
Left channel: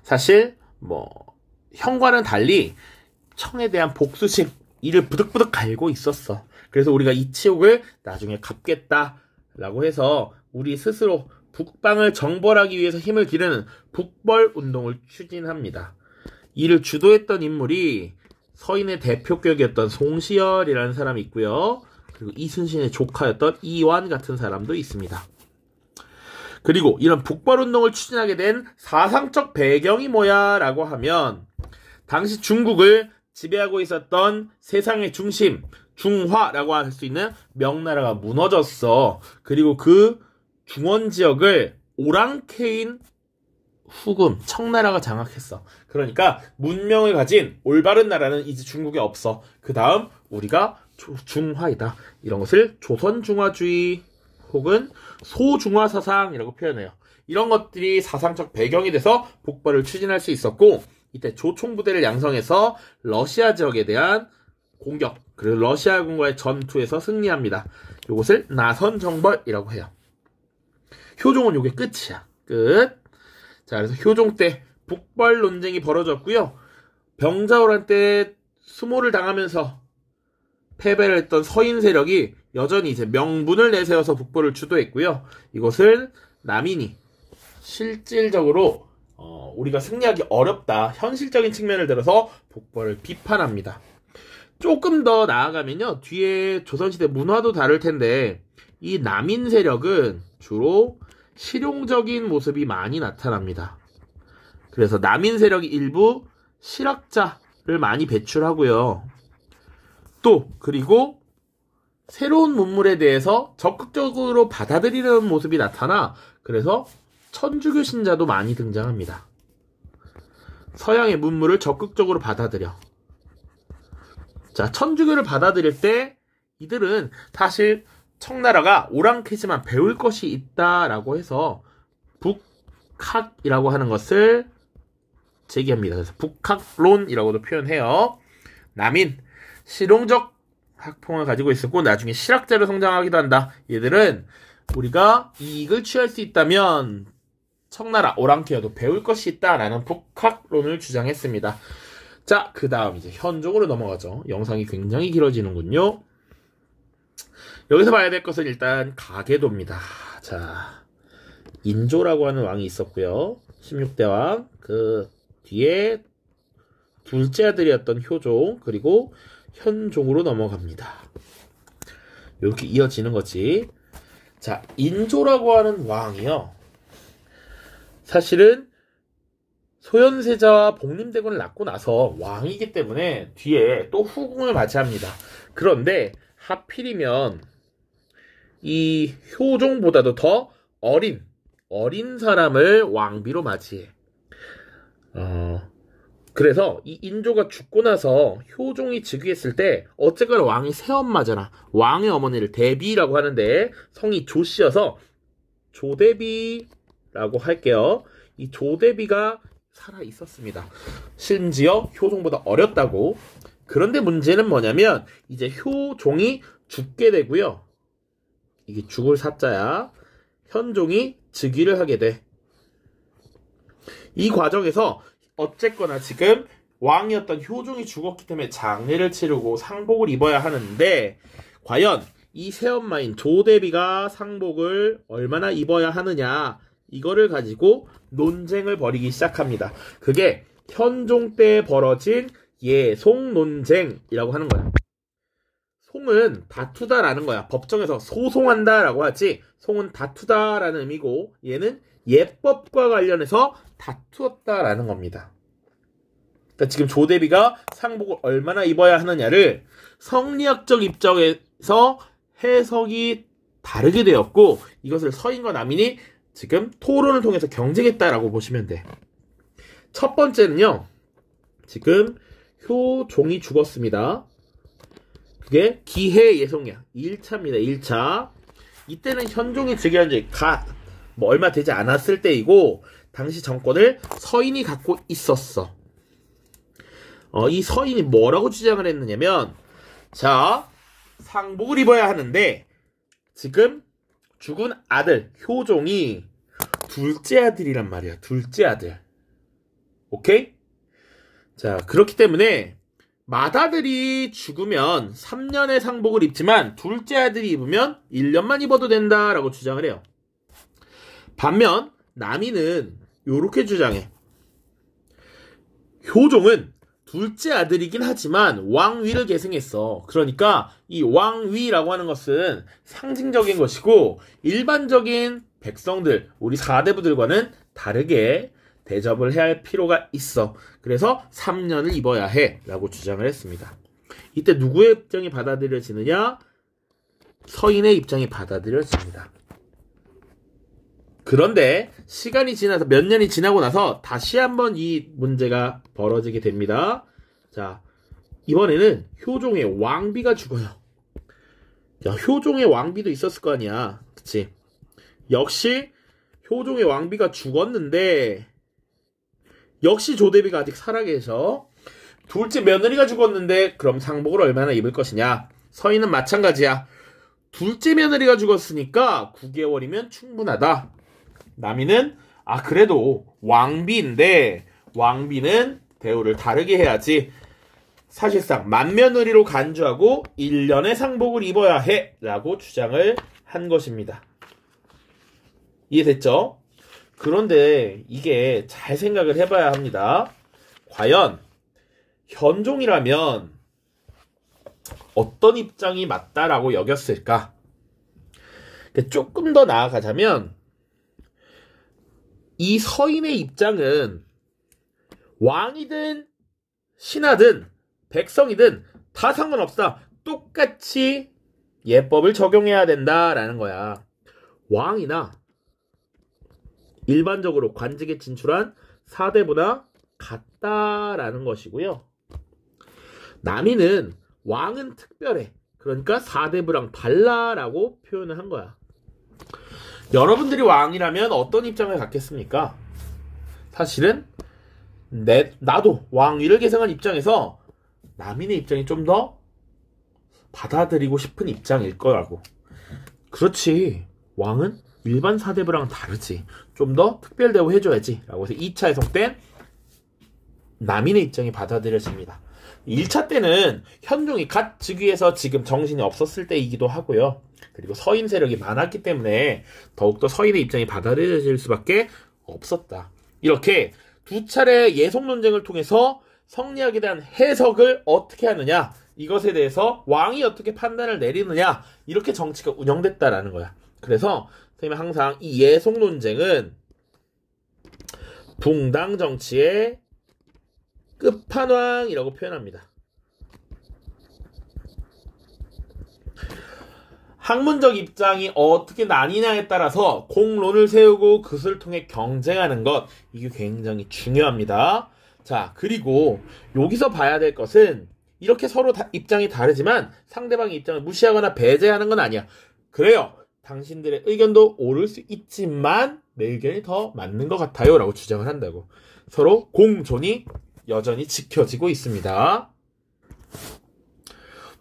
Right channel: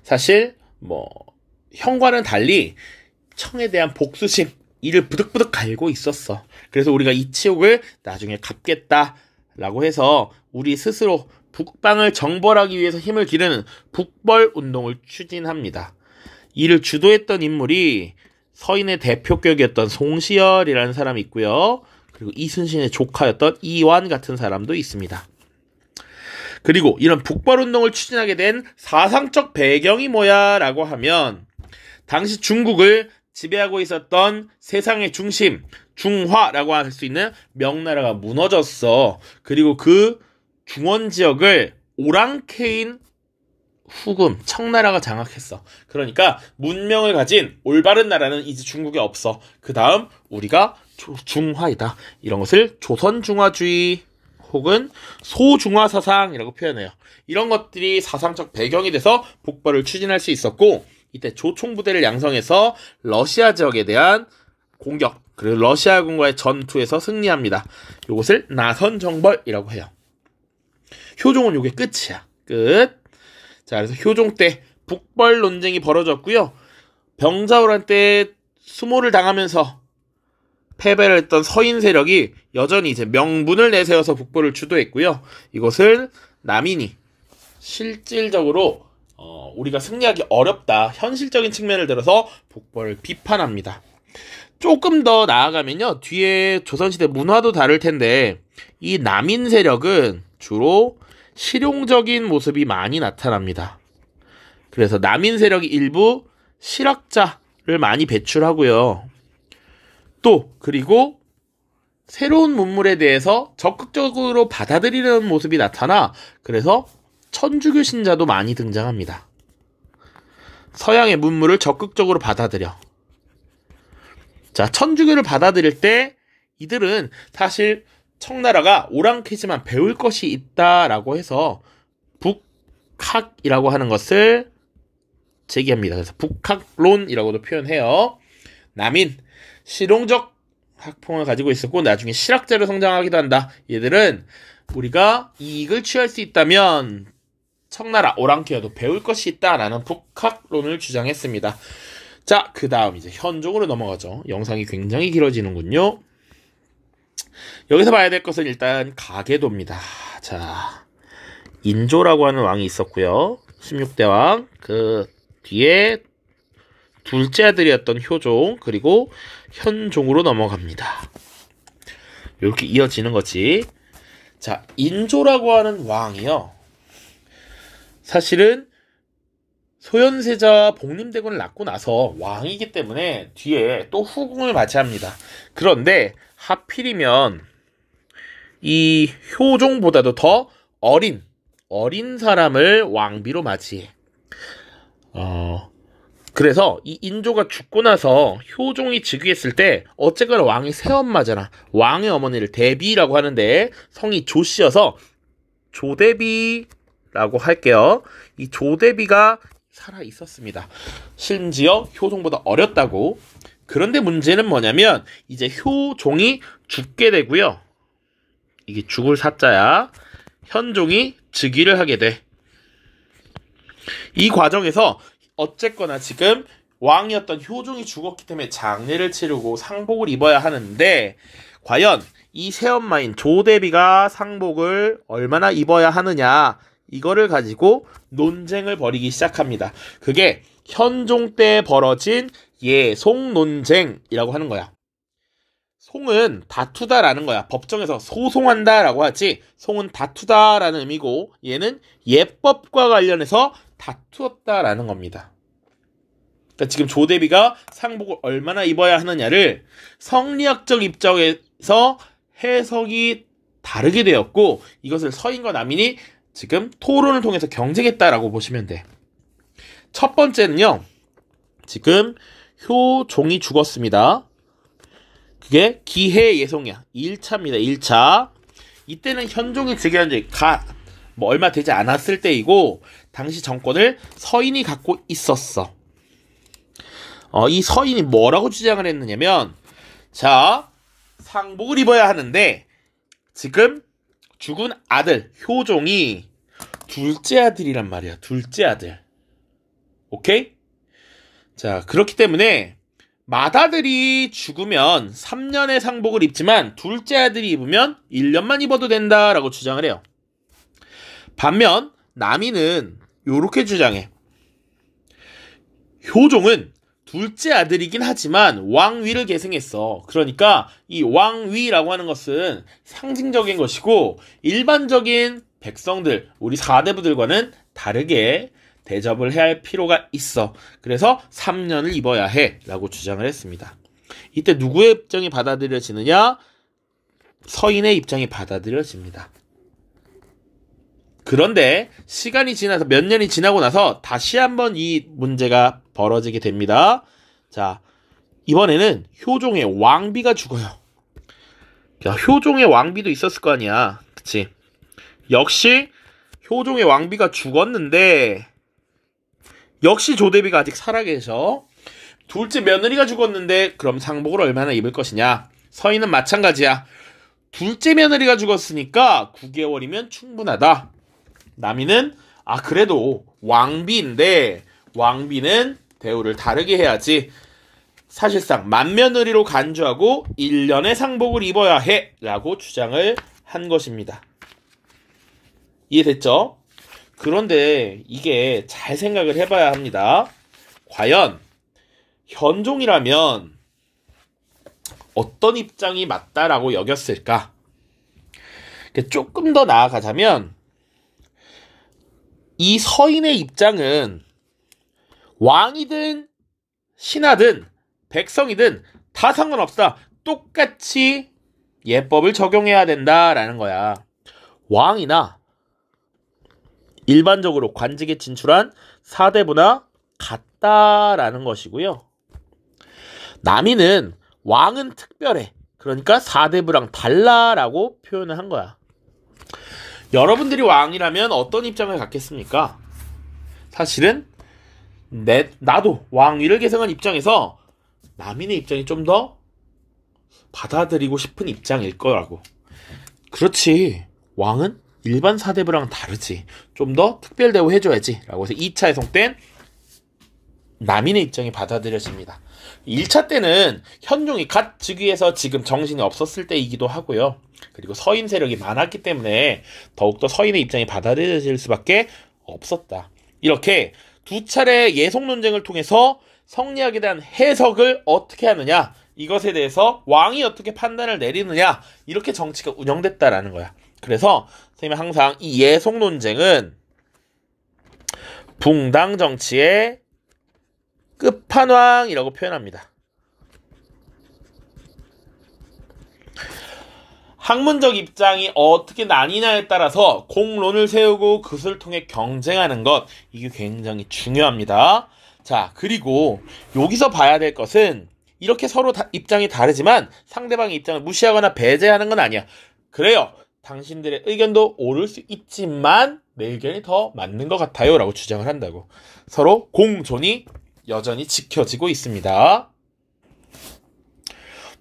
사실 뭐 형과는 달리 청에 대한 복수심, 이를 부득부득 갈고 있었어. 그래서 우리가 이 치욕을 나중에 갚겠다라고 해서 우리 스스로 북방을 정벌하기 위해서 힘을 기르는 북벌운동을 추진합니다. 이를 주도했던 인물이 서인의 대표격이었던 송시열이라는 사람이 있고요. 그리고 이순신의 조카였던 이완 같은 사람도 있습니다. 그리고 이런 북벌운동을 추진하게 된 사상적 배경이 뭐야 라고 하면, 당시 중국을 지배하고 있었던 세상의 중심, 중화라고 할 수 있는 명나라가 무너졌어. 그리고 그 중원 지역을 오랑캐인 후금, 청나라가 장악했어. 그러니까 문명을 가진 올바른 나라는 이제 중국에 없어. 그 다음 우리가 중화이다. 이런 것을 조선중화주의 혹은 소중화사상이라고 표현해요. 이런 것들이 사상적 배경이 돼서 북벌을 추진할 수 있었고, 이때 조총부대를 양성해서 러시아 지역에 대한 공격, 그리고 러시아군과의 전투에서 승리합니다. 이것을 나선정벌이라고 해요. 효종은 요게 끝이야. 끝. 자, 그래서 효종 때 북벌 논쟁이 벌어졌고요. 병자호란 때 수모를 당하면서 패배를 했던 서인 세력이 여전히 이제 명분을 내세워서 북벌을 주도했고요. 이것을 남인이 실질적으로 우리가 승리하기 어렵다. 현실적인 측면을 들어서 북벌을 비판합니다. 조금 더 나아가면요. 뒤에 조선시대 문화도 다를 텐데 이 남인 세력은 주로 실용적인 모습이 많이 나타납니다. 그래서 남인 세력이 일부 실학자를 많이 배출하고요. 또 그리고 새로운 문물에 대해서 적극적으로 받아들이는 모습이 나타나 그래서 천주교 신자도 많이 등장합니다. 서양의 문물을 적극적으로 받아들여. 자, 천주교를 받아들일 때 이들은 사실 청나라가 오랑캐지만 배울 것이 있다라고 해서 북학이라고 하는 것을 제기합니다. 그래서 북학론이라고도 표현해요. 남인, 실용적 학풍을 가지고 있었고 나중에 실학자로 성장하기도 한다. 얘들은 우리가 이익을 취할 수 있다면 청나라 오랑캐여도 배울 것이 있다라는 북학론을 주장했습니다. 자, 그 다음 이제 현종으로 넘어가죠. 영상이 굉장히 길어지는군요. 여기서 봐야 될 것은 일단 가계도입니다. 자, 인조라고 하는 왕이 있었고요. 16대 왕, 그 뒤에 둘째 아들이었던 효종, 그리고 현종으로 넘어갑니다. 이렇게 이어지는 거지. 자, 인조라고 하는 왕이요. 사실은 소현세자와 복림대군을 낳고 나서 왕이기 때문에 뒤에 또 후궁을 맞이합니다. 그런데 하필이면 이 효종보다도 더 어린 사람을 왕비로 맞이해. 그래서 이 인조가 죽고 나서 효종이 즉위했을 때 어쨌거나 왕의 새엄마잖아. 왕의 어머니를 대비라고 하는데 성이 조씨여서 조대비라고 할게요. 이 조대비가 살아 있었습니다. 심지어 효종보다 어렸다고. 그런데 문제는 뭐냐면 이제 효종이 죽게 되고요. 이게 죽을 사자야. 현종이 즉위를 하게 돼. 이 과정에서 어쨌거나 지금 왕이었던 효종이 죽었기 때문에 장례를 치르고 상복을 입어야 하는데 과연 이 새엄마인 조대비가 상복을 얼마나 입어야 하느냐 이거를 가지고 논쟁을 벌이기 시작합니다. 그게 현종 때 벌어진 예송 논쟁이라고 하는 거야. 송은 다투다라는 거야. 법정에서 소송한다라고 하지 송은 다투다라는 의미고 얘는 예법과 관련해서 다투었다라는 겁니다. 그러니까 지금 조대비가 상복을 얼마나 입어야 하느냐를 성리학적 입장에서 해석이 다르게 되었고 이것을 서인과 남인이 지금 토론을 통해서 경쟁했다라고 보시면 돼. 첫 번째는요. 지금 효종이 죽었습니다. 그게 기해예송이야. 1차입니다. 1차. 이때는 현종이 즉위한 지 얼마 되지 않았을 때이고 당시 정권을 서인이 갖고 있었어. 이 서인이 뭐라고 주장을 했느냐면 자, 상복을 입어야 하는데 지금 죽은 아들 효종이 둘째 아들이란 말이야. 둘째 아들. 오케이? 자, 그렇기 때문에 맏아들이 죽으면 3년의 상복을 입지만 둘째 아들이 입으면 1년만 입어도 된다라고 주장을 해요. 반면 남인은 요렇게 주장해. 효종은 둘째 아들이긴 하지만 왕위를 계승했어. 그러니까 이 왕위라고 하는 것은 상징적인 것이고 일반적인 백성들, 우리 사대부들과는 다르게 대접을 해야 할 필요가 있어. 그래서 3년을 입어야 해 라고 주장을 했습니다. 이때 누구의 입장이 받아들여지느냐? 서인의 입장이 받아들여집니다. 그런데 시간이 지나서 몇 년이 지나고 나서 다시 한번 이 문제가 벌어지게 됩니다. 자, 이번에는 효종의 왕비가 죽어요. 야, 효종의 왕비도 있었을 거 아니야. 그치? 역시 효종의 왕비가 죽었는데 역시 조대비가 아직 살아계셔. 둘째 며느리가 죽었는데 그럼 상복을 얼마나 입을 것이냐? 서인은 마찬가지야. 둘째 며느리가 죽었으니까 9개월이면 충분하다. 남이는 그래도 왕비인데 왕비는 대우를 다르게 해야지. 사실상 맏며느리로 간주하고 1년의 상복을 입어야 해 라고 주장을 한 것입니다. 이해됐죠? 그런데 이게 잘 생각을 해봐야 합니다. 과연 현종이라면 어떤 입장이 맞다라고 여겼을까? 조금 더 나아가자면 이 서인의 입장은 왕이든 신하든 백성이든 다 상관없다. 똑같이 예법을 적용해야 된다라는 거야. 왕이나 일반적으로 관직에 진출한 사대부나 같다라는 것이고요. 남이는 왕은 특별해. 그러니까 사대부랑 달라라고 표현을 한 거야. 여러분들이 왕이라면 어떤 입장을 갖겠습니까? 사실은 나도 왕위를 계승한 입장에서 남인의 입장이 좀 더 받아들이고 싶은 입장일 거라고. 그렇지. 왕은 일반 사대부랑 다르지. 좀 더 특별 대우해줘야지. 라고 해서 2차 해송 땐 남인의 입장이 받아들여집니다. 1차 때는 현종이 갓 즉위해서 지금 정신이 없었을 때이기도 하고요. 그리고 서인 세력이 많았기 때문에 더욱더 서인의 입장이 받아들여질 수밖에 없었다. 이렇게 두 차례 예속 논쟁을 통해서 성리학에 대한 해석을 어떻게 하느냐, 이것에 대해서 왕이 어떻게 판단을 내리느냐, 이렇게 정치가 운영됐다라는 거야. 그래서 선생님은 항상 이 예속 논쟁은 붕당 정치의 끝판왕이라고 표현합니다. 학문적 입장이 어떻게 나뉘냐에 따라서 공론을 세우고 그것을 통해 경쟁하는 것, 이게 굉장히 중요합니다. 자, 그리고 여기서 봐야 될 것은 이렇게 서로 입장이 다르지만 상대방의 입장을 무시하거나 배제하는 건 아니야. 그래요. 당신들의 의견도 옳을 수 있지만 내 의견이 더 맞는 것 같아요 라고 주장을 한다고. 서로 공존이 여전히 지켜지고 있습니다.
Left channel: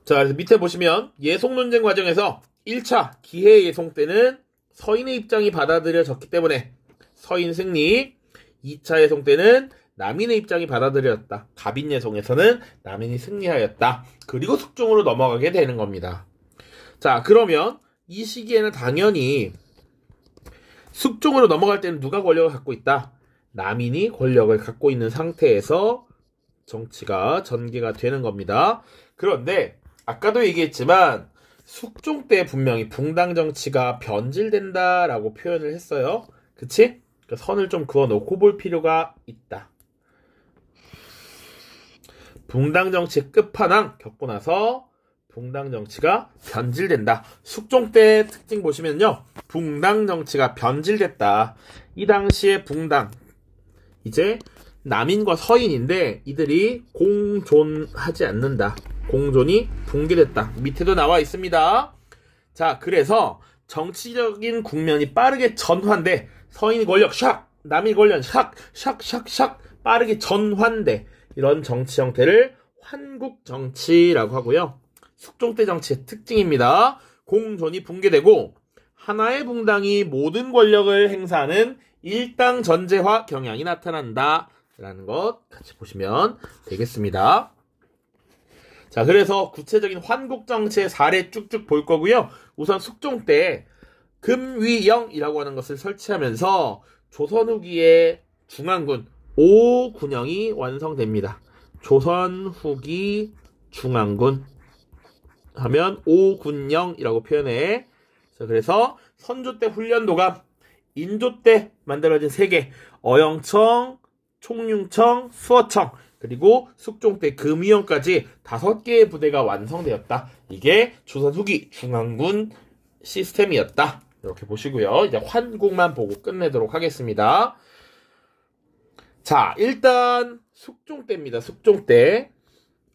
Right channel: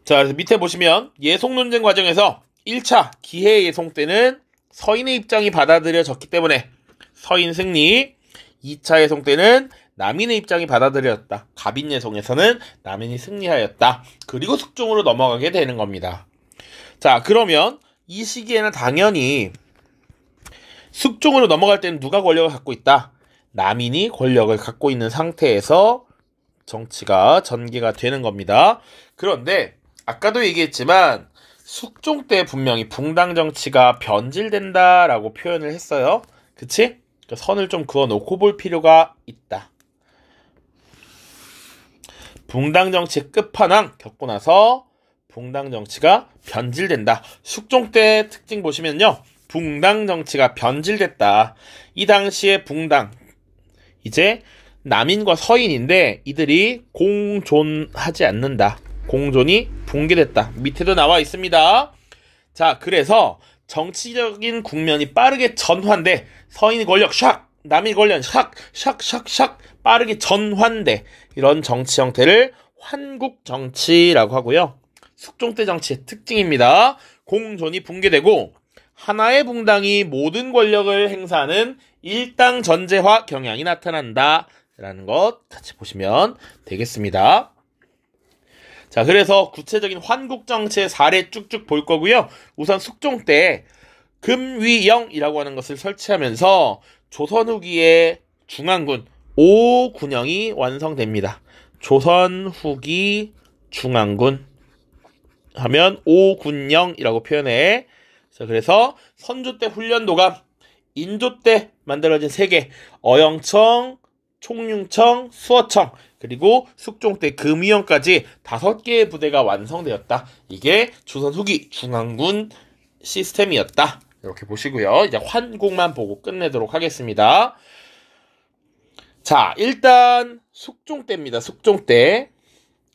자, 그래서 밑에 보시면 예속 논쟁 과정에서 1차 기해 예송 때는 서인의 입장이 받아들여졌기 때문에 서인 승리, 2차 예송 때는 남인의 입장이 받아들여졌다. 갑인 예송에서는 남인이 승리하였다. 그리고 숙종으로 넘어가게 되는 겁니다. 자, 그러면 이 시기에는 당연히 숙종으로 넘어갈 때는 누가 권력을 갖고 있다? 남인이 권력을 갖고 있는 상태에서 정치가 전개가 되는 겁니다. 그런데 아까도 얘기했지만 숙종 때 분명히 붕당 정치가 변질된다라고 표현을 했어요. 그치? 선을 좀 그어놓고 볼 필요가 있다. 붕당 정치의 끝판왕 겪고 나서 붕당 정치가 변질된다. 숙종 때 특징 보시면요. 붕당 정치가 변질됐다. 이 당시에 붕당, 이제 남인과 서인인데 이들이 공존하지 않는다. 공존이 붕괴됐다. 밑에도 나와 있습니다. 자, 그래서 정치적인 국면이 빠르게 전환돼. 서인의 권력 샥, 남인의 권력 샥, 샥, 샥, 샥 빠르게 전환돼. 이런 정치 형태를 환국 정치라고 하고요. 숙종 때 정치의 특징입니다. 공존이 붕괴되고 하나의 붕당이 모든 권력을 행사하는 일당 전제화 경향이 나타난다 라는 것 같이 보시면 되겠습니다. 자, 그래서 구체적인 환국 정치의 사례 쭉쭉 볼 거고요. 우선 숙종 때 금위영이라고 하는 것을 설치하면서 조선 후기의 중앙군 5군영이 완성됩니다. 조선 후기 중앙군 하면 5군영이라고 표현해. 자, 그래서 선조 때 훈련도감, 인조 때 만들어진 3개, 어영청, 총융청, 수어청, 그리고 숙종 때 금위원까지 5개의 부대가 완성되었다. 이게 조선 후기 중앙군 시스템이었다. 이렇게 보시고요. 이제 환국만 보고 끝내도록 하겠습니다. 자, 일단 숙종 때입니다. 숙종 때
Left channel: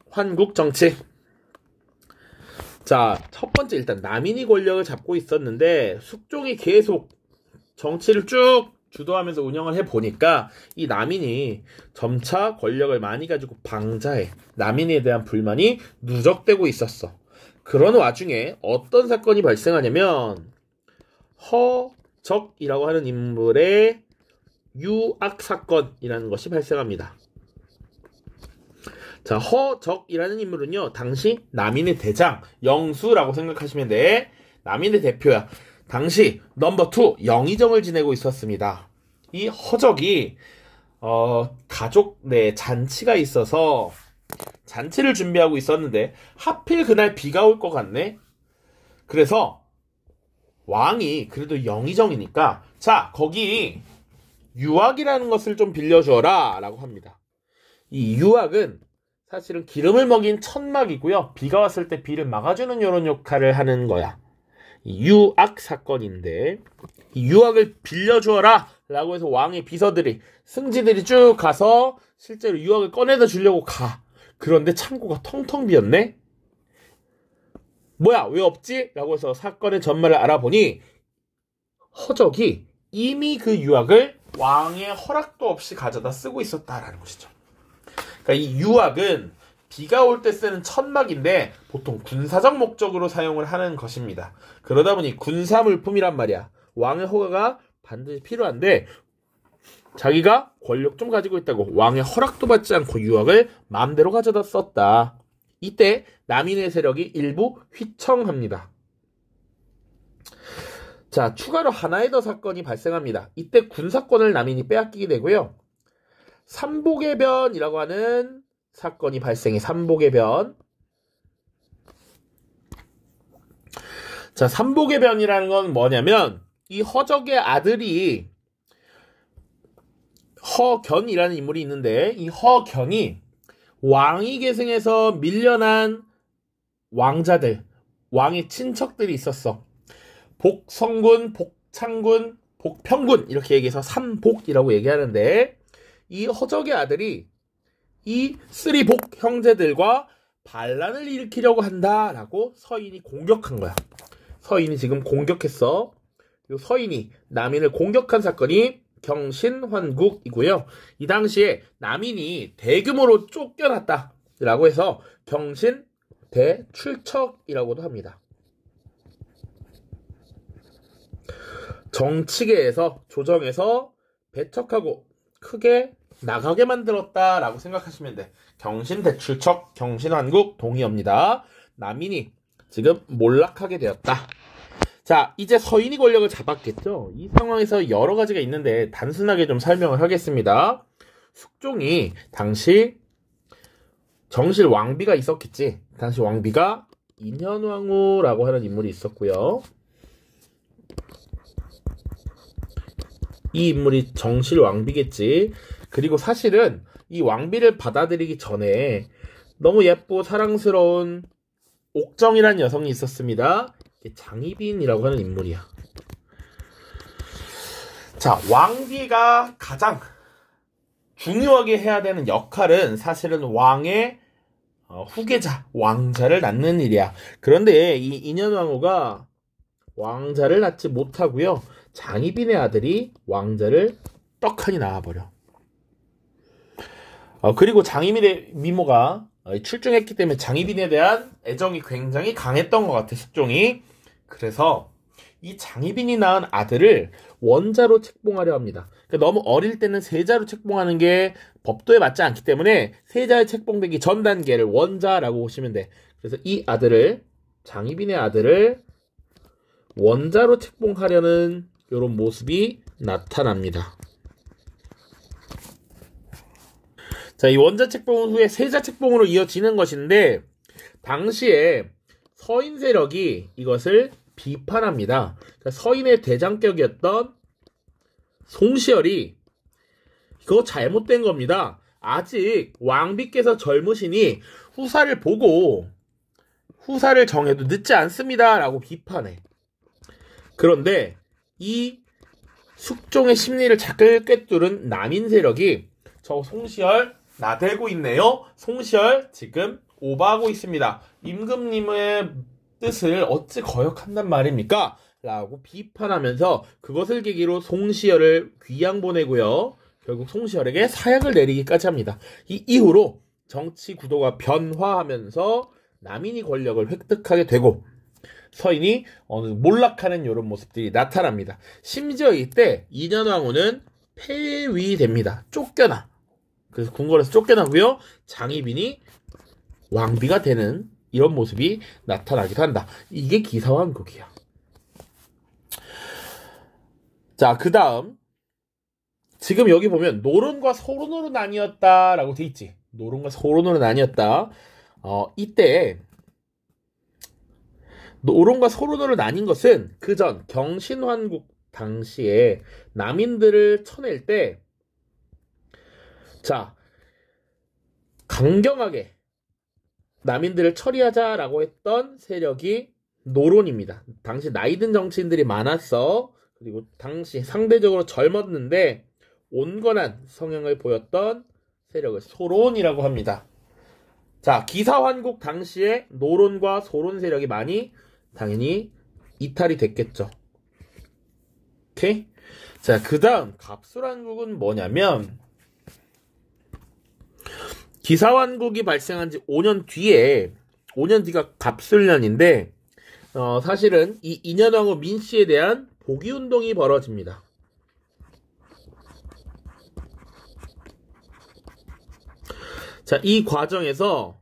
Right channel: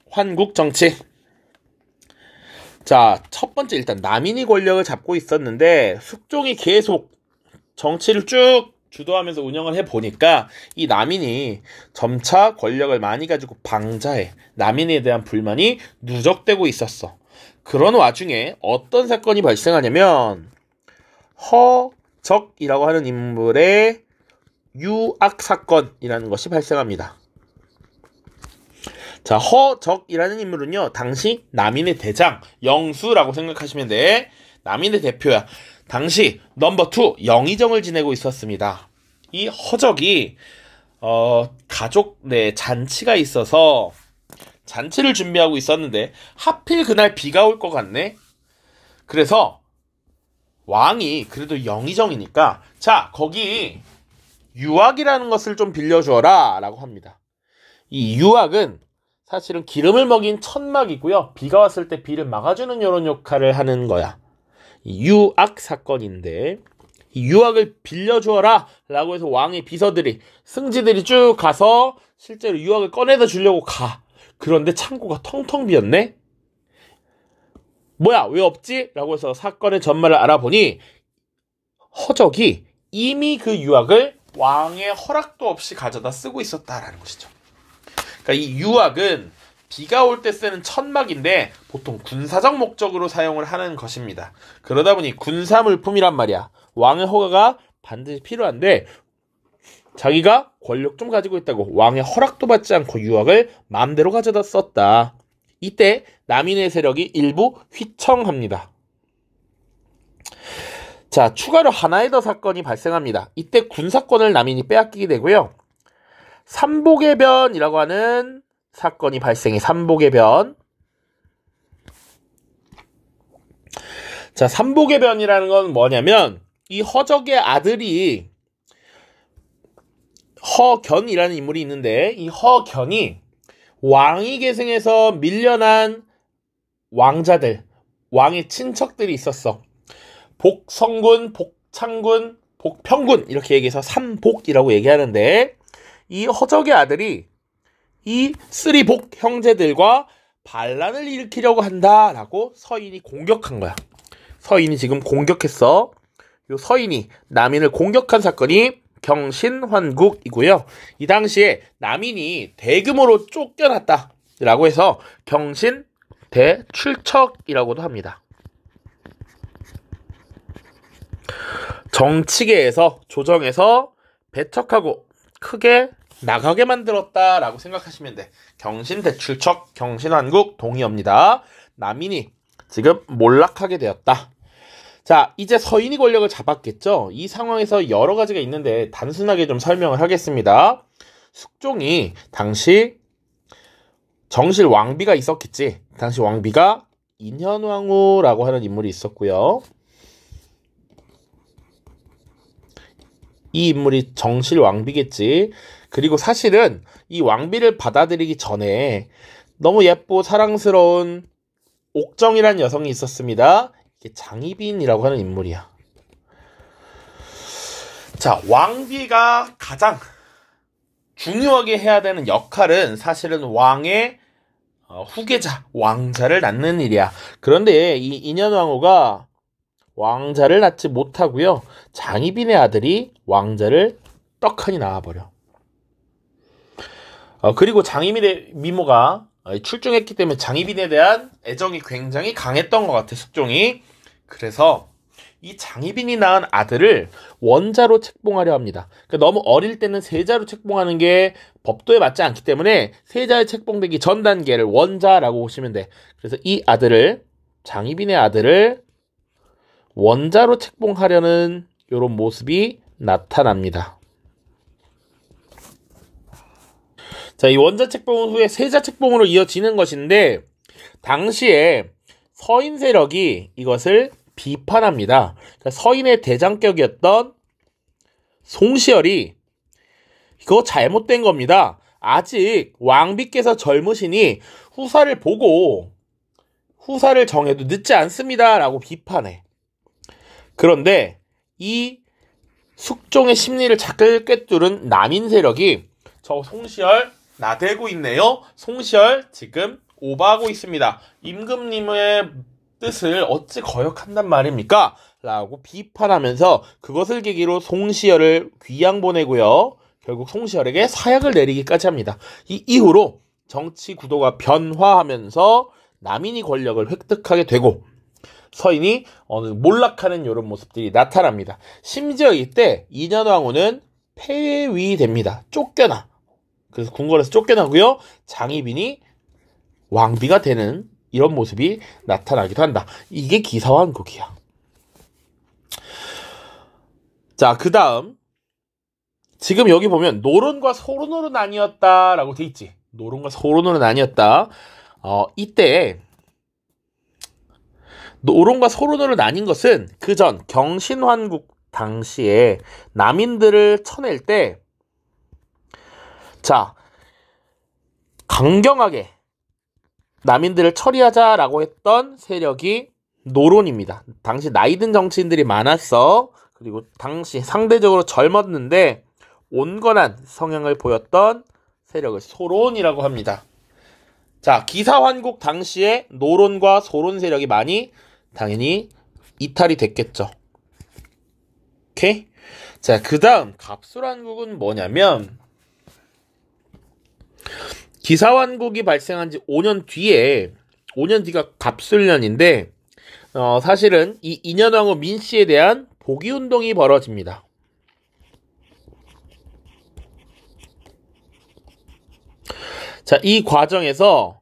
환국 정치. 자, 첫 번째 일단 남인이 권력을 잡고 있었는데 숙종이 계속 정치를 쭉 주도하면서 운영을 해보니까 이 남인이 점차 권력을 많이 가지고 방자해 남인에 대한 불만이 누적되고 있었어. 그런 와중에 어떤 사건이 발생하냐면 허적이라고 하는 인물의 유악 사건이라는 것이 발생합니다. 자, 허적이라는 인물은요, 당시 남인의 대장, 영수라고 생각하시면 돼. 남인의 대표야. 당시 넘버 2 영의정을 지내고 있었습니다. 이 허적이 가족 내 잔치가 있어서 잔치를 준비하고 있었는데 하필 그날 비가 올 것 같네. 그래서 왕이 그래도 영의정이니까 자, 거기 유악이라는 것을 좀 빌려주어라 라고 합니다. 이 유악은 사실은 기름을 먹인 천막이고요. 비가 왔을 때 비를 막아주는 이런 역할을 하는 거야. 유악 사건인데 이 유악을 빌려주어라 라고 해서 왕의 비서들이 승지들이 쭉 가서 실제로 유악을 꺼내다 주려고 가. 그런데 창고가 텅텅 비었네. 뭐야 왜 없지? 라고 해서 사건의 전말을 알아보니 허적이 이미 그 유악을 왕의 허락도 없이 가져다 쓰고 있었다라는 것이죠. 그러니까 이 유악은 비가 올 때 쓰는 천막인데 보통 군사적 목적으로 사용을 하는 것입니다. 그러다 보니 군사물품이란 말이야. 왕의 허가가 반드시 필요한데 자기가 권력 좀 가지고 있다고 왕의 허락도 받지 않고 유악을 마음대로 가져다 썼다. 이때 남인의 세력이 일부 휘청합니다. 자, 추가로 하나의 더 사건이 발생합니다. 이때 군사권을 남인이 빼앗기게 되고요. 삼복의 변이라고 하는 사건이 발생해. 삼복의 변. 자, 삼복의 변이라는 건 뭐냐면 이 허적의 아들이 허견이라는 인물이 있는데 이 허견이 왕위 계승에서 밀려난 왕자들, 왕의 친척들이 있었어. 복성군, 복창군, 복평군 이렇게 얘기해서 삼복이라고 얘기하는데 이 허적의 아들이 이 쓰리복 형제들과 반란을 일으키려고 한다라고 서인이 공격한 거야. 서인이 지금 공격했어. 요 서인이 남인을 공격한 사건이 경신환국이고요. 이 당시에 남인이 대규모로 쫓겨났다라고 해서 경신 대출척이라고도 합니다. 정치계에서 조정에서 배척하고 크게 나가게 만들었다라고 생각하시면 돼. 경신대출척, 경신환국 동의어입니다. 남인이 지금 몰락하게 되었다. 자, 이제 서인이 권력을 잡았겠죠. 이 상황에서 여러 가지가 있는데 단순하게 좀 설명을 하겠습니다. 숙종이 당시 정실 왕비가 있었겠지. 당시 왕비가 인현왕후라고 하는 인물이 있었고요. 이 인물이 정실 왕비겠지. 그리고 사실은 이 왕비를 받아들이기 전에 너무 예쁘고 사랑스러운 옥정이라는 여성이 있었습니다. 이게 장희빈이라고 하는 인물이야. 자, 왕비가 가장 중요하게 해야 되는 역할은 사실은 왕의 후계자, 왕자를 낳는 일이야. 그런데 이 인현왕후가 왕자를 낳지 못하고요. 장희빈의 아들이 왕자를 떡하니 낳아버려. 그리고 장희빈의 미모가 출중했기 때문에 장희빈에 대한 애정이 굉장히 강했던 것 같아, 숙종이. 그래서 이 장희빈이 낳은 아들을 원자로 책봉하려 합니다. 그러니까 너무 어릴 때는 세자로 책봉하는 게 법도에 맞지 않기 때문에 세자에 책봉되기 전 단계를 원자라고 보시면 돼. 그래서 이 아들을, 장희빈의 아들을 원자로 책봉하려는 이런 모습이 나타납니다. 자, 이 원자 책봉 후에 세자 책봉으로 이어지는 것인데 당시에 서인 세력이 이것을 비판합니다. 그러니까 서인의 대장격이었던 송시열이 이거 잘못된 겁니다. 아직 왕비께서 젊으시니 후사를 보고 후사를 정해도 늦지 않습니다 라고 비판해. 그런데 이 숙종의 심리를 자꾸 꿰뚫은 남인 세력이 저 송시열 나대고 있네요. 송시열 지금 오버하고 있습니다. 임금님의 뜻을 어찌 거역한단 말입니까? 라고 비판하면서 그것을 계기로 송시열을 귀양 보내고요. 결국 송시열에게 사약을 내리기까지 합니다. 이 이후로 정치 구도가 변화하면서 남인이 권력을 획득하게 되고 서인이 어느 몰락하는 이런 모습들이 나타납니다. 심지어 이때 인현왕후는 폐위됩니다. 쫓겨나. 그래서 궁궐에서 쫓겨나고요. 장희빈이 왕비가 되는 이런 모습이 나타나기도 한다. 이게 기사왕국이야. 자, 그 다음 지금 여기 보면 노론과 소론으로 나뉘었다라고 돼 있지. 노론과 소론으로 나뉘었다. 이때 노론과 소론으로 나뉜 것은 그전 경신환국 당시에 남인들을 쳐낼 때 자, 강경하게 남인들을 처리하자라고 했던 세력이 노론입니다. 당시 나이든 정치인들이 많았어. 그리고 당시 상대적으로 젊었는데 온건한 성향을 보였던 세력을 소론이라고 합니다. 자, 기사환국 당시에 노론과 소론 세력이 많이 당연히 이탈이 됐겠죠. 오케이? 자, 그 다음 갑술환국은 뭐냐면 기사환국이 발생한 지 5년 뒤가 갑술년인데 사실은 이 인현왕후 민씨에 대한 복위운동이 벌어집니다. 자, 이 과정에서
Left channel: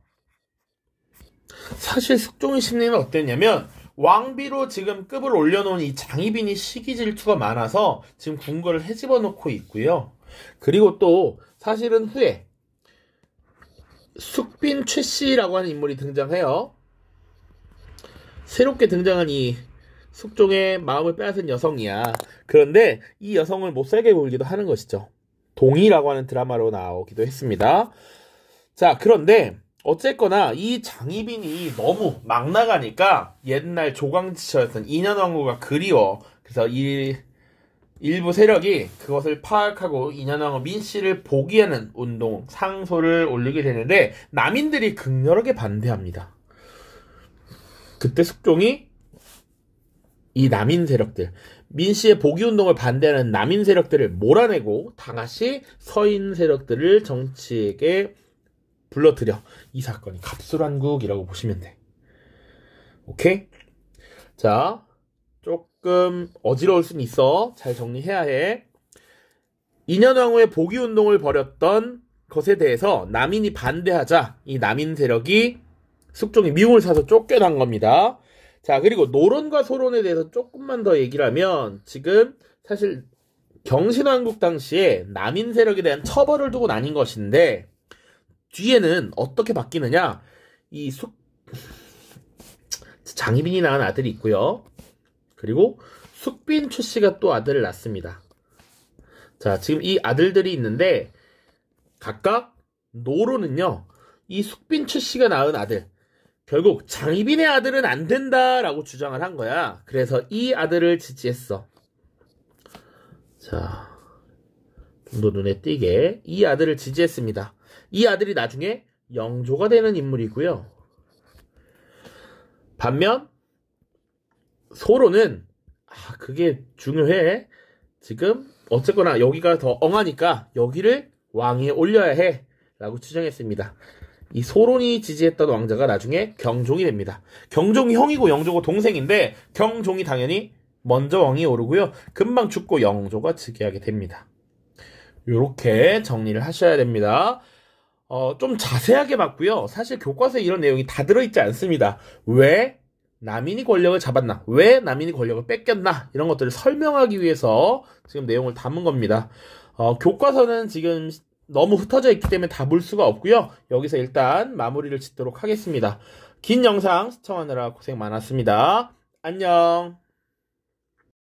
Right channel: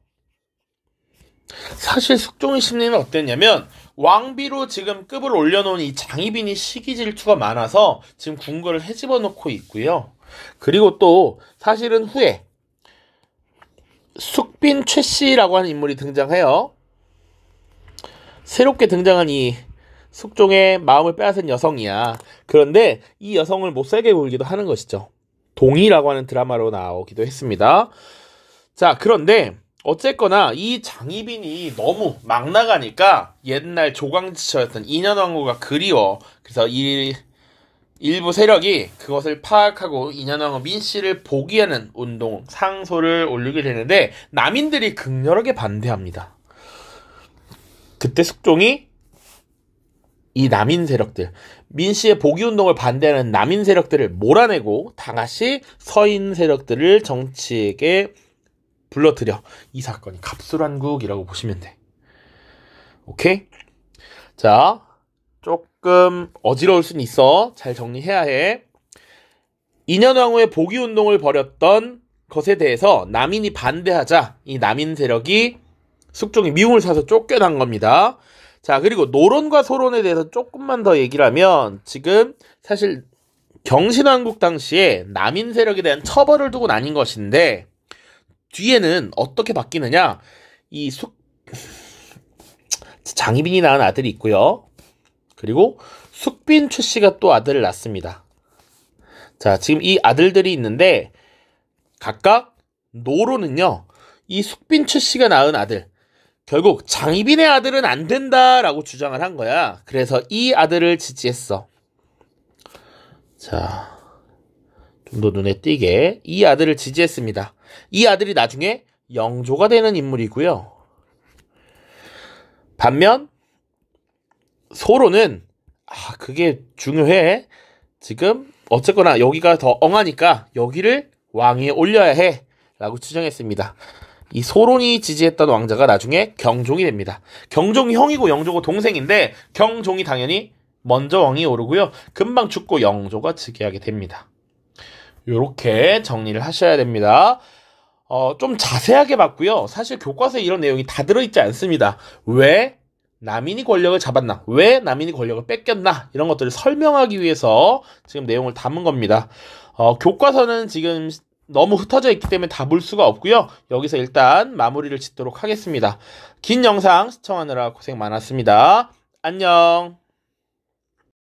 사실 숙종의 심리는 어땠냐면 왕비로 지금 급을 올려놓은 이 장희빈이 시기 질투가 많아서 지금 궁궐을 헤집어 놓고 있고요. 그리고 또 사실은 후에 숙빈 최씨라고 하는 인물이 등장해요. 새롭게 등장한 이 숙종의 마음을 빼앗은 여성이야. 그런데 이 여성을 못살게 굴기도 하는 것이죠. 동의라고 하는 드라마로 나오기도 했습니다. 자, 그런데 어쨌거나 이 장희빈이 너무 막 나가니까 옛날 조광지처였던 인현왕후가 그리워. 그래서 이 일부 세력이 그것을 파악하고 인현왕후 민씨를 복위하는 운동 상소를 올리게 되는데 남인들이 극렬하게 반대합니다. 그때 숙종이 이 남인 세력들, 민씨의 복위운동을 반대하는 남인 세력들을 몰아내고 다시 서인 세력들을 정치에게 불러들여. 이 사건이 갑술환국이라고 보시면 돼. 오케이? 자, 조금 어지러울 수는 있어. 잘 정리해야 해. 인현왕후의 복위운동을 벌였던 것에 대해서 남인이 반대하자 이 남인 세력이 숙종이 미움을 사서 쫓겨난 겁니다. 자, 그리고 노론과 소론에 대해서 조금만 더 얘기를 하면 지금 사실 경신왕국 당시에 남인 세력에 대한 처벌을 두고 나뉜 것인데 뒤에는 어떻게 바뀌느냐. 장희빈이 낳은 아들이 있고요. 그리고 숙빈 최씨가 또 아들을 낳습니다. 자, 지금 이 아들들이 있는데 각각 노론은요. 이 숙빈 최씨가 낳은 아들 결국 장희빈의 아들은 안 된다라고 주장을 한 거야. 그래서 이 아들을 지지했어. 자, 좀 더 눈에 띄게 이 아들을 지지했습니다. 이 아들이 나중에 영조가 되는 인물이고요. 반면 소론은 그게 중요해. 지금 어쨌거나 여기가 더 엉하니까 여기를 왕위에 올려야 해 라고 추정했습니다. 이 소론이 지지했던 왕자가 나중에 경종이 됩니다. 경종이 형이고 영조가 동생인데 경종이 당연히 먼저 왕위에 오르고요. 금방 죽고 영조가 즉위하게 됩니다. 요렇게 정리를 하셔야 됩니다. 좀 자세하게 봤고요. 사실 교과서에 이런 내용이 다 들어있지 않습니다. 왜 남인이 권력을 잡았나? 왜 남인이 권력을 뺏겼나? 이런 것들을 설명하기 위해서 지금 내용을 담은 겁니다. 교과서는 지금 너무 흩어져 있기 때문에 다 볼 수가 없고요. 여기서 일단 마무리를 짓도록 하겠습니다. 긴 영상 시청하느라 고생 많았습니다. 안녕.